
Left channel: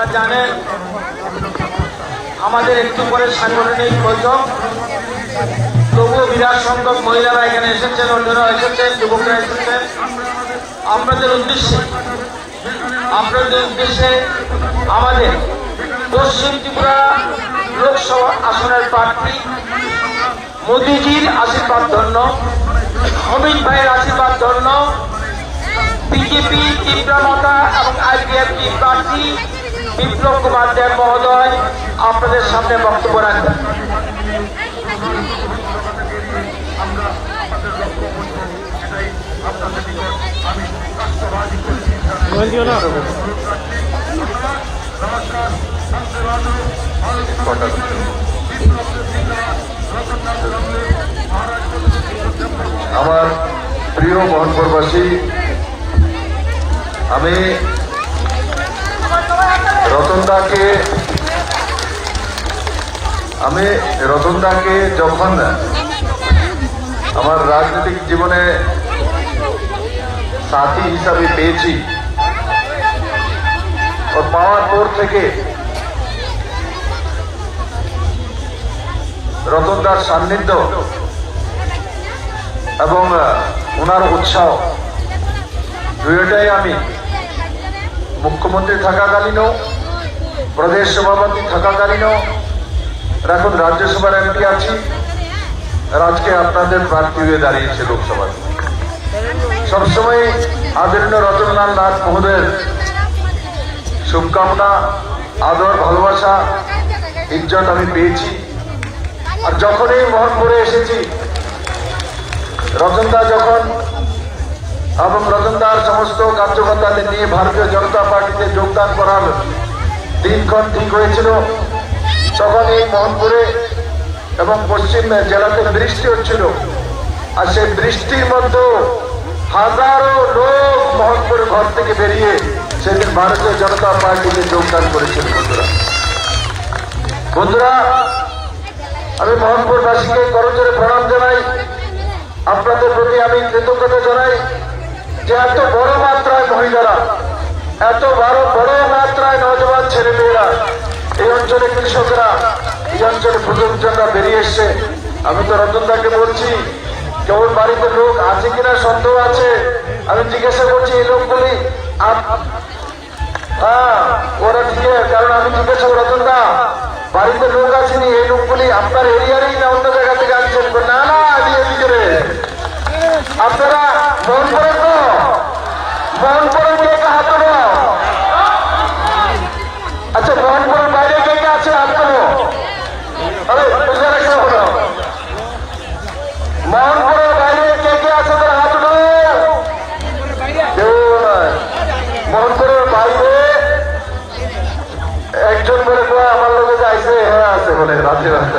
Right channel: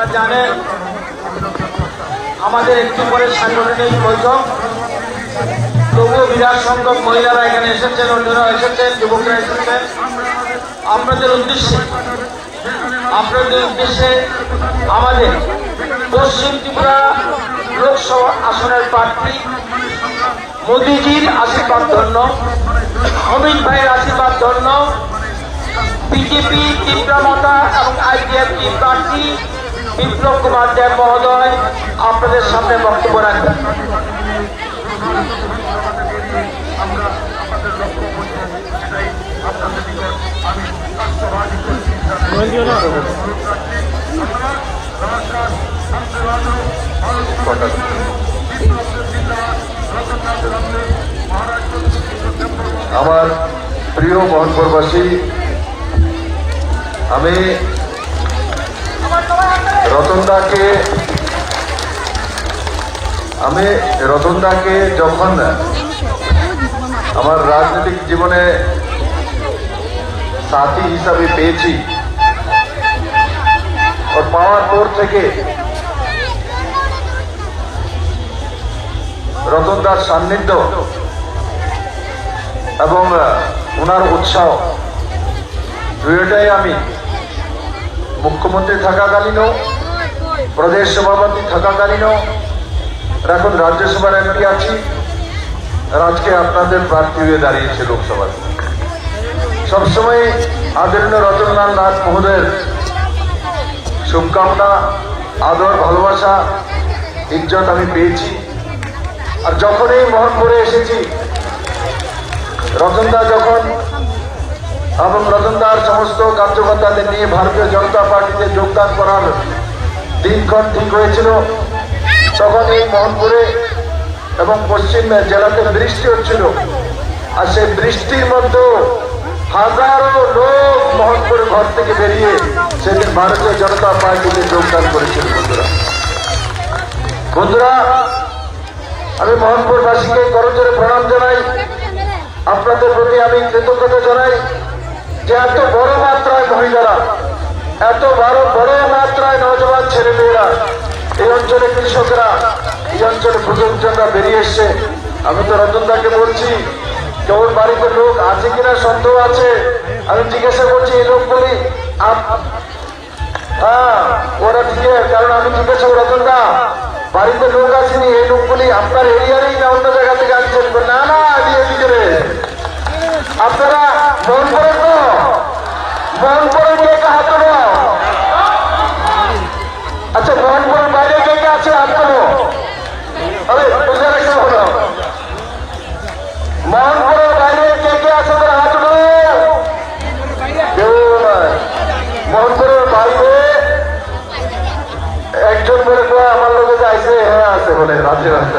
আপনারা জানেন আমাদের একটু পরে সাংগঠনিক বৈঠক, তবুও বিরাট সংখ্যক মহিলারা এখানে এসেছেন, অন্যরা এসেছেন, যুবকরা এসেছেন। আপনাদের উদ্দেশ্যে আমাদের পশ্চিম ত্রিপুরা লোকসভা আসনের প্রার্থী মোদিজির আশীর্বাদ ধন্য, অমিত ভাইয়ের আশীর্বাদ ধন্য, বিজেপি ত্রিপুরা মাতা এবং আইপিএফটি প্রার্থী বিপ্লব কুমার দেব মহোদয় আপনাদের সামনে বক্তব্য রাখবেন। আমার প্রিয় মোহনপুরবাসী, আমি রতনদাকে যখন আমার রাজনৈতিক জীবনে সাথী হিসাবে পেয়েছি, ওর পাওয়ার পর থেকে রতনদার সান্নিধ্য এবং ওনার উৎসাহ দুইটাই আমি মুখ্যমন্ত্রী থাকাকালীনও, প্রদেশ সভাপতি থাকাকালীনও, এখন রাজ্যসভার এমপি আছি, আর আজকে আপনাদের প্রার্থী হয়ে দাঁড়িয়েছে লোকসভায়। সবসময় আদরণীয় রতনলাল নাথ মহোদয়ের শুভকামনা, আদর, ভালোবাসা, ইজ্জত আমি পেয়েছি। আর যখন এই মোহনপুরে এসেছি, রতনদা যখন এবং রতনদার সমস্ত কার্যকর্তাদের নিয়ে ভারতীয় জনতা পার্টিতে যোগদান করার দিনক্ষণ ঠিক হয়েছিল, তখন এই মোহনপুরে এবং পশ্চিম জেলাতে বৃষ্টি হচ্ছিল। আর সেই বৃষ্টির মধ্যে হাজারো লোক মোহনপুরের ঘর থেকে বেরিয়ে সেদিন ভারতীয় জনতা পার্টিতে যোগদান করেছিল। বন্ধুরা, আমি মোহনপুরবাসীকে করজোড়ে প্রণাম জানাই, আপনাদের প্রতি আমি কৃতজ্ঞতা জানাই যে এত বড় মাত্রায় মহিলারা, এত বড় মাত্রায় নওজওয়ান ছেলেমেয়েরা, এই অঞ্চলে কৃষকরা, এই অঞ্চলে বুজুর্গজনরা বেরিয়ে এসছে। আমি তো রতনদাকে বলছি কেউ বাড়িতে লোক আছে কিনা সন্দেহ আছে, আমি জিজ্ঞাসা করছি এই লোকগুলি ওরা ঠিক, কারণ আমি জিজ্ঞাসা করি রতনদা বাড়িতে লোক আসেনি, এই লোকগুলি আপনার এরিয়ারই না অন্য জায়গা থেকে আনছেন? না না, ভিতরে আপনারা মন করেন তো, মন করেন কে কে হাত তোলো? আচ্ছা, মোহনপুরের বাইরে কে কে আছে হাত তোলো? আরে বুঝে রাখতে হলো, মোহনপুরের বাইরে কে কে আছে তারা হাত তোলো? কেউ নয়। মোহনপুরের বাইরে একজন বলে আমার লোকে যাইছে, হ্যাঁ আছে বলে রাতে রাতে।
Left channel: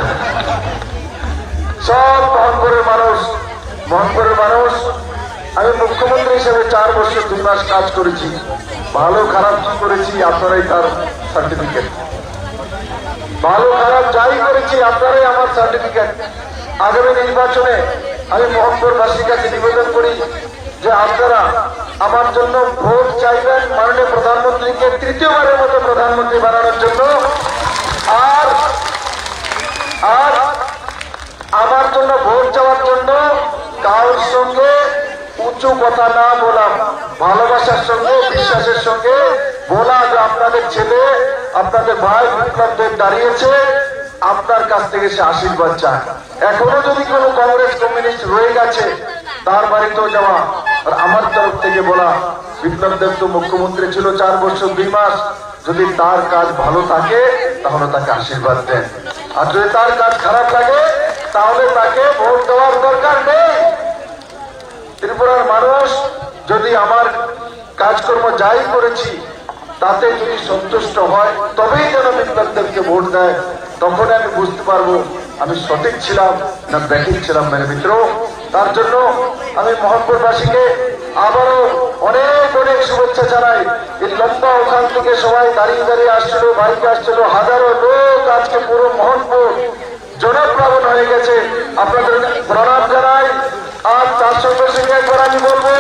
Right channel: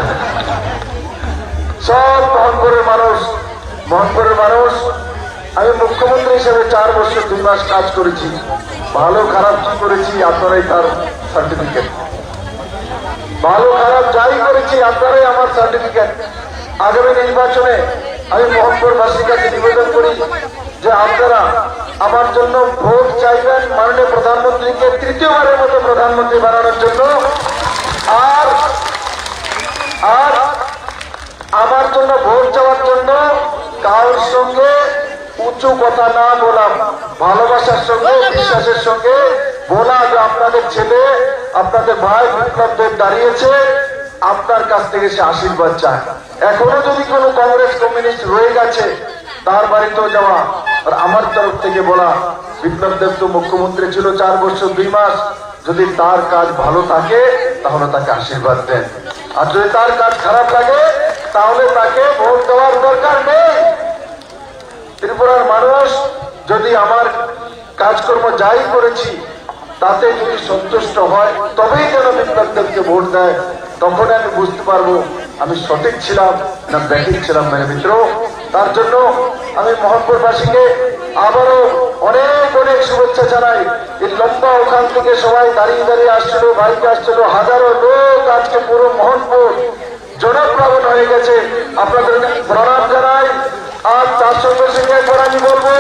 সব মোহনপুরের মানুষ, মোহনপুরের মানুষ। আমি মুখ্যমন্ত্রী হিসেবে 4 বছর 2 মাস কাজ করেছি। ভালো খারাপ কি করেছি আপনারাই তার সার্টিফিকেট, ভালো খারাপ যাই করেছি আপনারাই আমার সার্টিফিকেট। আগামী নির্বাচনে আমি মোহনপুরবাসীর কাছে নিবেদন করি যে আপনারা আমার জন্য ভোট চাইবেন, মাননীয় প্রধানমন্ত্রীকে 3য়বারের মতো প্রধানমন্ত্রী বানানোর জন্য। আর আমার জন্য ভোট চাওয়ার জন্য কারোর সঙ্গে উঁচু কথা না বলা, ভালোবাসার সঙ্গে, বিশ্বাসের সঙ্গে বলা যে আপনাদের ছেলে, আপনাদের ভাই বিপ্লব দেব দাঁড়িয়েছে, আপনার কাছ থেকে সে আশীর্বাদ চায়। এখনো যদি কোনো কংগ্রেস কমিউনিস্ট রয়ে গেছে তার বাড়িতেও যাওয়া, আর আমার তরফ থেকে বলা বিপ্লব দেব তো মুখ্যমন্ত্রী ছিল 4 বছর 2 মাস, যদি তার কাজ ভালো থাকে তাহলে তাকে আশীর্বাদ দেন, আর যদি তার কাজ খারাপ লাগে তাহলে তাকে ভোট দেওয়ার দরকার নেই। ত্রিপুরার মানুষ যদি আমার কাজকর্ম যাই করেছি তাতে যদি সন্তুষ্ট হয় তবেই যেন বিপ্লব দেবকে ভোট দেয়, তখন আমি বুঝতে পারবো আমি সঠিক ছিলাম না ব্যাঠিক ছিলাম মেরে মিত্র। তার জন্য আমি মোহনপুরবাসীকে আবারও অনেক অনেক শুভেচ্ছা জানাই। এই লম্বা ওখান থেকে সবাই দাঁড়িয়ে দাঁড়িয়ে আসছিল, বাইকে আসছিল, হাজারো লোক, আজকে পুরো মোহনপুর জনপ্লাবন হয়ে গেছে। আপনাদের প্রণাম জানাই। আর তার সঙ্গে সঙ্গে একবার আমি বলবো,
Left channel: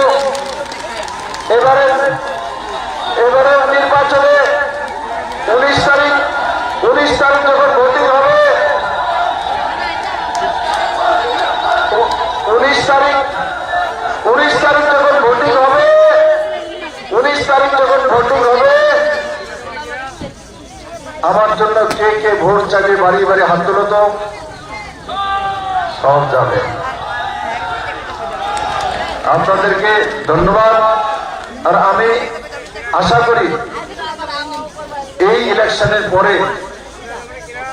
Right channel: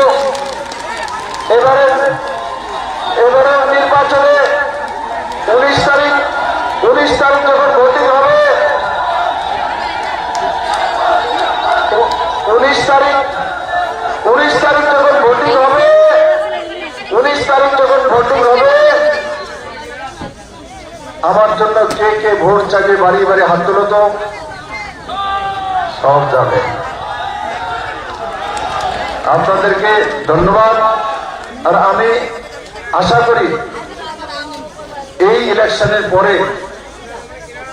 এবারে নির্বাচনে আমার জন্য কে কে ভোট চাইবে বাড়ি বাড়ি হাত তুলো তো, সব যাবে। আপনাদেরকে ধন্যবাদ। আর আমি আশা করি এই ইলেকশনের পরে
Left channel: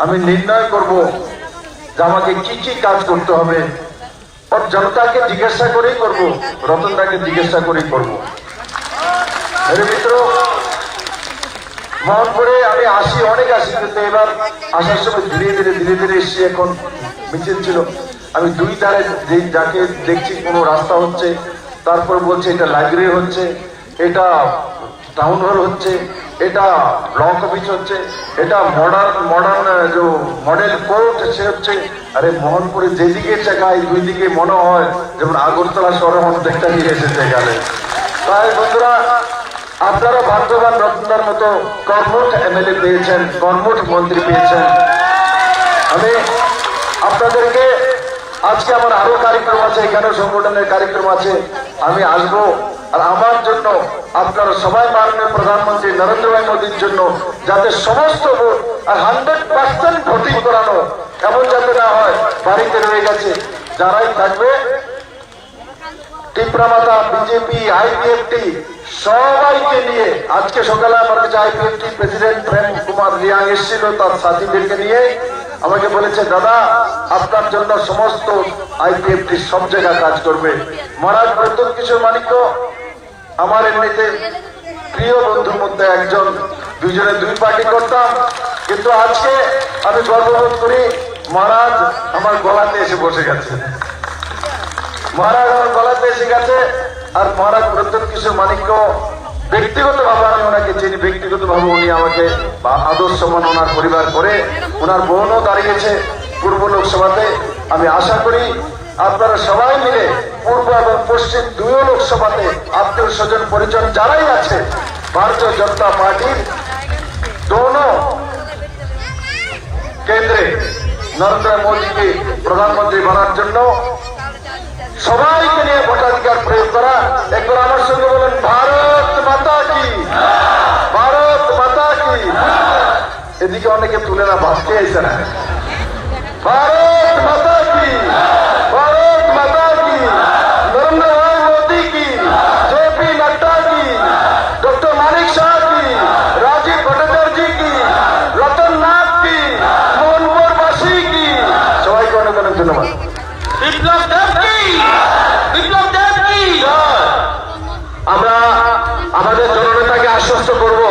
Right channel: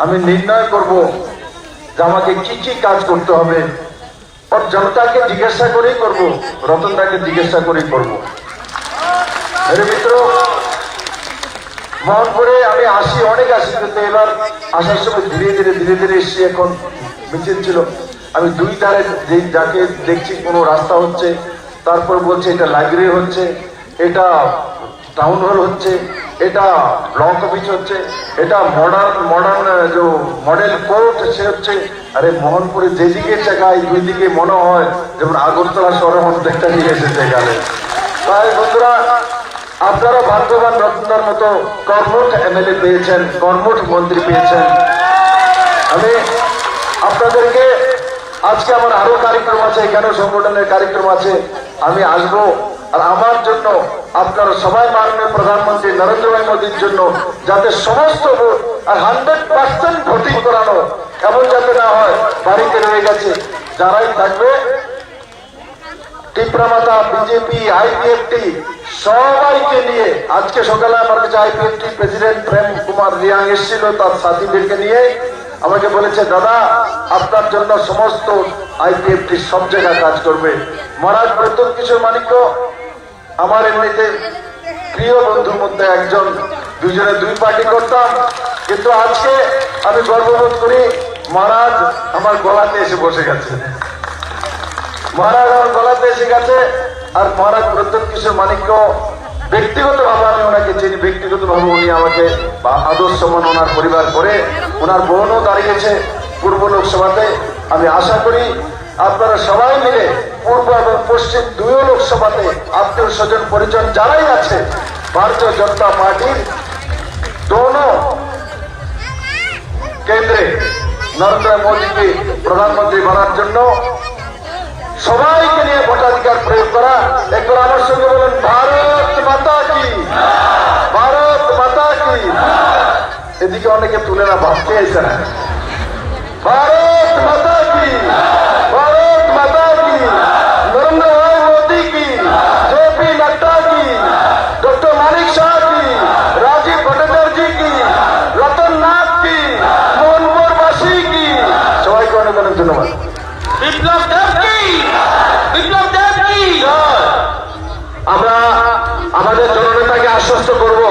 আমি নির্ণয় করব যে আমাকে কি কি কাজ করতে হবে। আর জনতাকে জিজ্ঞাসা করেই করব, রতনদাকে জিজ্ঞাসা করেই করব। মেরে মিত্র, মোহনপুরে আমি আসি, অনেক আসি, কিন্তু এবার আসার সময় ধীরে ধীরে এসছি। এখন মিছিল ছিল, আমি দুই ধারে যাকে দেখছি কোনো রাস্তা হচ্ছে, তারপর বলছে এটা লাইব্রেরি হচ্ছে, এটা টাউন হল হচ্ছে, এটা ব্লক অফিস হচ্ছে, এটা মডার্ন যে মডেল কোর্ট সে হচ্ছে। আরে মোহনপুরে যেদিকে চাকায় দুই দিকে মনে হয় যেমন আগরতলা শহরের অর্ধেকটা নিয়ে এসেছে গেলে। তাই বন্ধুরা, আপনারা ভাগ্যবান, রত্নার মতো কর্মঠ এমএলএ পেয়েছেন, কর্মঠ মন্ত্রী পেয়েছেন। আমি আপনাদেরকে আজকে আমার আরো কার্যক্রম আছে, এখানেও সংগঠনের কার্যক্রম আছে, আমি আসবো। আর আমার জন্য আপনারা সবাই মাননীয় প্রধানমন্ত্রী নরেন্দ্র ভাই মোদীর জন্য যাতে সমস্ত ভোট আর 100% ভোটিং করানো, এমন যাতে না হয় বাড়িতে রয়ে গেছে। যারাই থাকবে টিপ্রামাতা, বিজেপি, আইপিএফটি সবাইকে নিয়ে, আজকে সকালে আমার কাছে আইপিএফটি প্রেসিডেন্ট প্রেম কুমার রিয়াং এসেছিল, তার সাথীদেরকে নিয়ে আমাকে বলেছে, দাদা আপনার জন্য সমস্ত আইপিএফটি সব জায়গায় কাজ করবে। মহারাজ প্রত্যেক কিশোর মানিক্য আমার এমনিতে প্রিয় বন্ধুর মধ্যে একজন, দুজনে দুই পার্টি করতাম, কিন্তু আজকে আমি গর্ববোধ করি মহারাজ আমার গলাতে এসে বসে গেছে। মহারাজ আমার গলাতে এসে গেছে। আর মহারাজ প্রত্যেক কিশোর মানিক্য ব্যক্তিগত ভাবে আমি ওনাকে চিনি, ব্যক্তিগত ভাবে উনি আমাকে আদর্শ মান ওনার পরিবার করে, ওনার বোনও দাঁড়িয়েছে পূর্ব লোকসভাতে। আমি আশা করি আপনারা সবাই মিলে পূর্ব এবং পশ্চিম দুই লোকসভাতে আত্মীয় স্বজন পরিজন যারাই আছে, ভারতীয় জনতা পার্টির দোনো কেন্দ্রে নরেন্দ্র মোদীকে প্রধানমন্ত্রী বানার জন্য সবাইকে নিয়ে ভোটাধিকার প্রয়োগ করা। একবার আমার সঙ্গে বলেন, ভারত মাতা কি, ভারত মাতা কি। এদিকে অনেকে তুলে না, ভাবতে আইসে না। ভারত মাতা কি, ভারত মাতা কি, নরেন্দ্র ভাই মোদী কি, জেপি নাড্ডা কি, ডক্টর মানিক শাহ কি, রাজীব ভট্টাচার্য কি, রতন নাথ কি, মোহনপুরবাসী কি। সবাইকে অনেক অনেক ধন্যবাদ। বিপ্লব দেব কি, বিপ্লব দেব কি। আমরা আমাদের জননেতাকে আশ্বস্ত করব,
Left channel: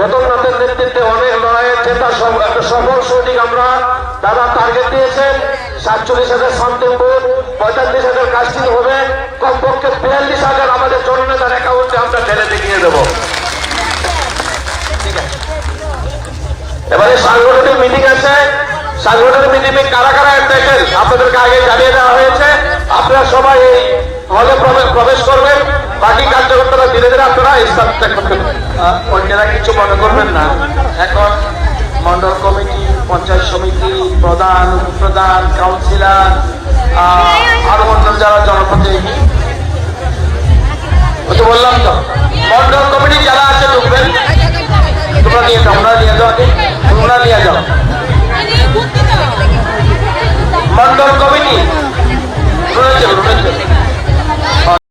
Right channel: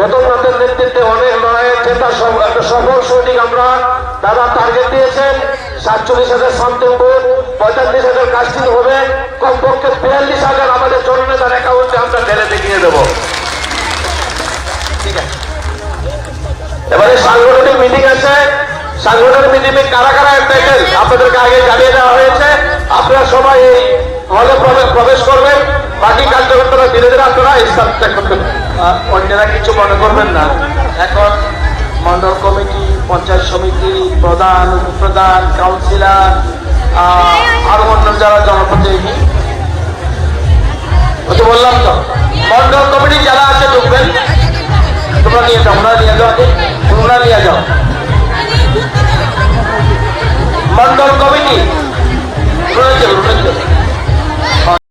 রতননাথের নেতৃত্বে অনেক লড়াইয়ের জেতা একটা সফল সৈনিক আমরা। দাদা টার্গেট দিয়েছেন 47,000 শান্তিপুর, 45,000 কাস্টিং হবে, কমপক্ষে 42,000 আমাদের জননেতার অ্যাকাউন্টে আমরা ঢেলে দেখিয়ে দেব। এবারে সাংগঠনিক মিটিং আছে, সাংগঠনিক মিটিংয়ে কারা কারা এন্টাইটেল আপনাদেরকে আগে জানিয়ে দেওয়া হয়েছে। আপনারা সবাই এই হলে প্রবেশ করবেন, বাকি কার্যকর্তারা ধীরে ধীরে আপনারা স্থান ত্যাগ করতে। অন্যরা কিছু মনে করবেন না, এখন মন্ডল কমিটি, পঞ্চায়েত সমিতি, প্রধান, উপপ্রধান, কাউন্সিলর, আরো অন্য যারা জনপ্রতিনিধি, বললাম তো মন্ডল কমিটি যারা আছে ঢুকবেন, তোমরা নিয়ে যাও, ওনারা নিয়ে যাও, তোমরা নিয়ে যাও। মন্ডল কমিটি রয়েছে।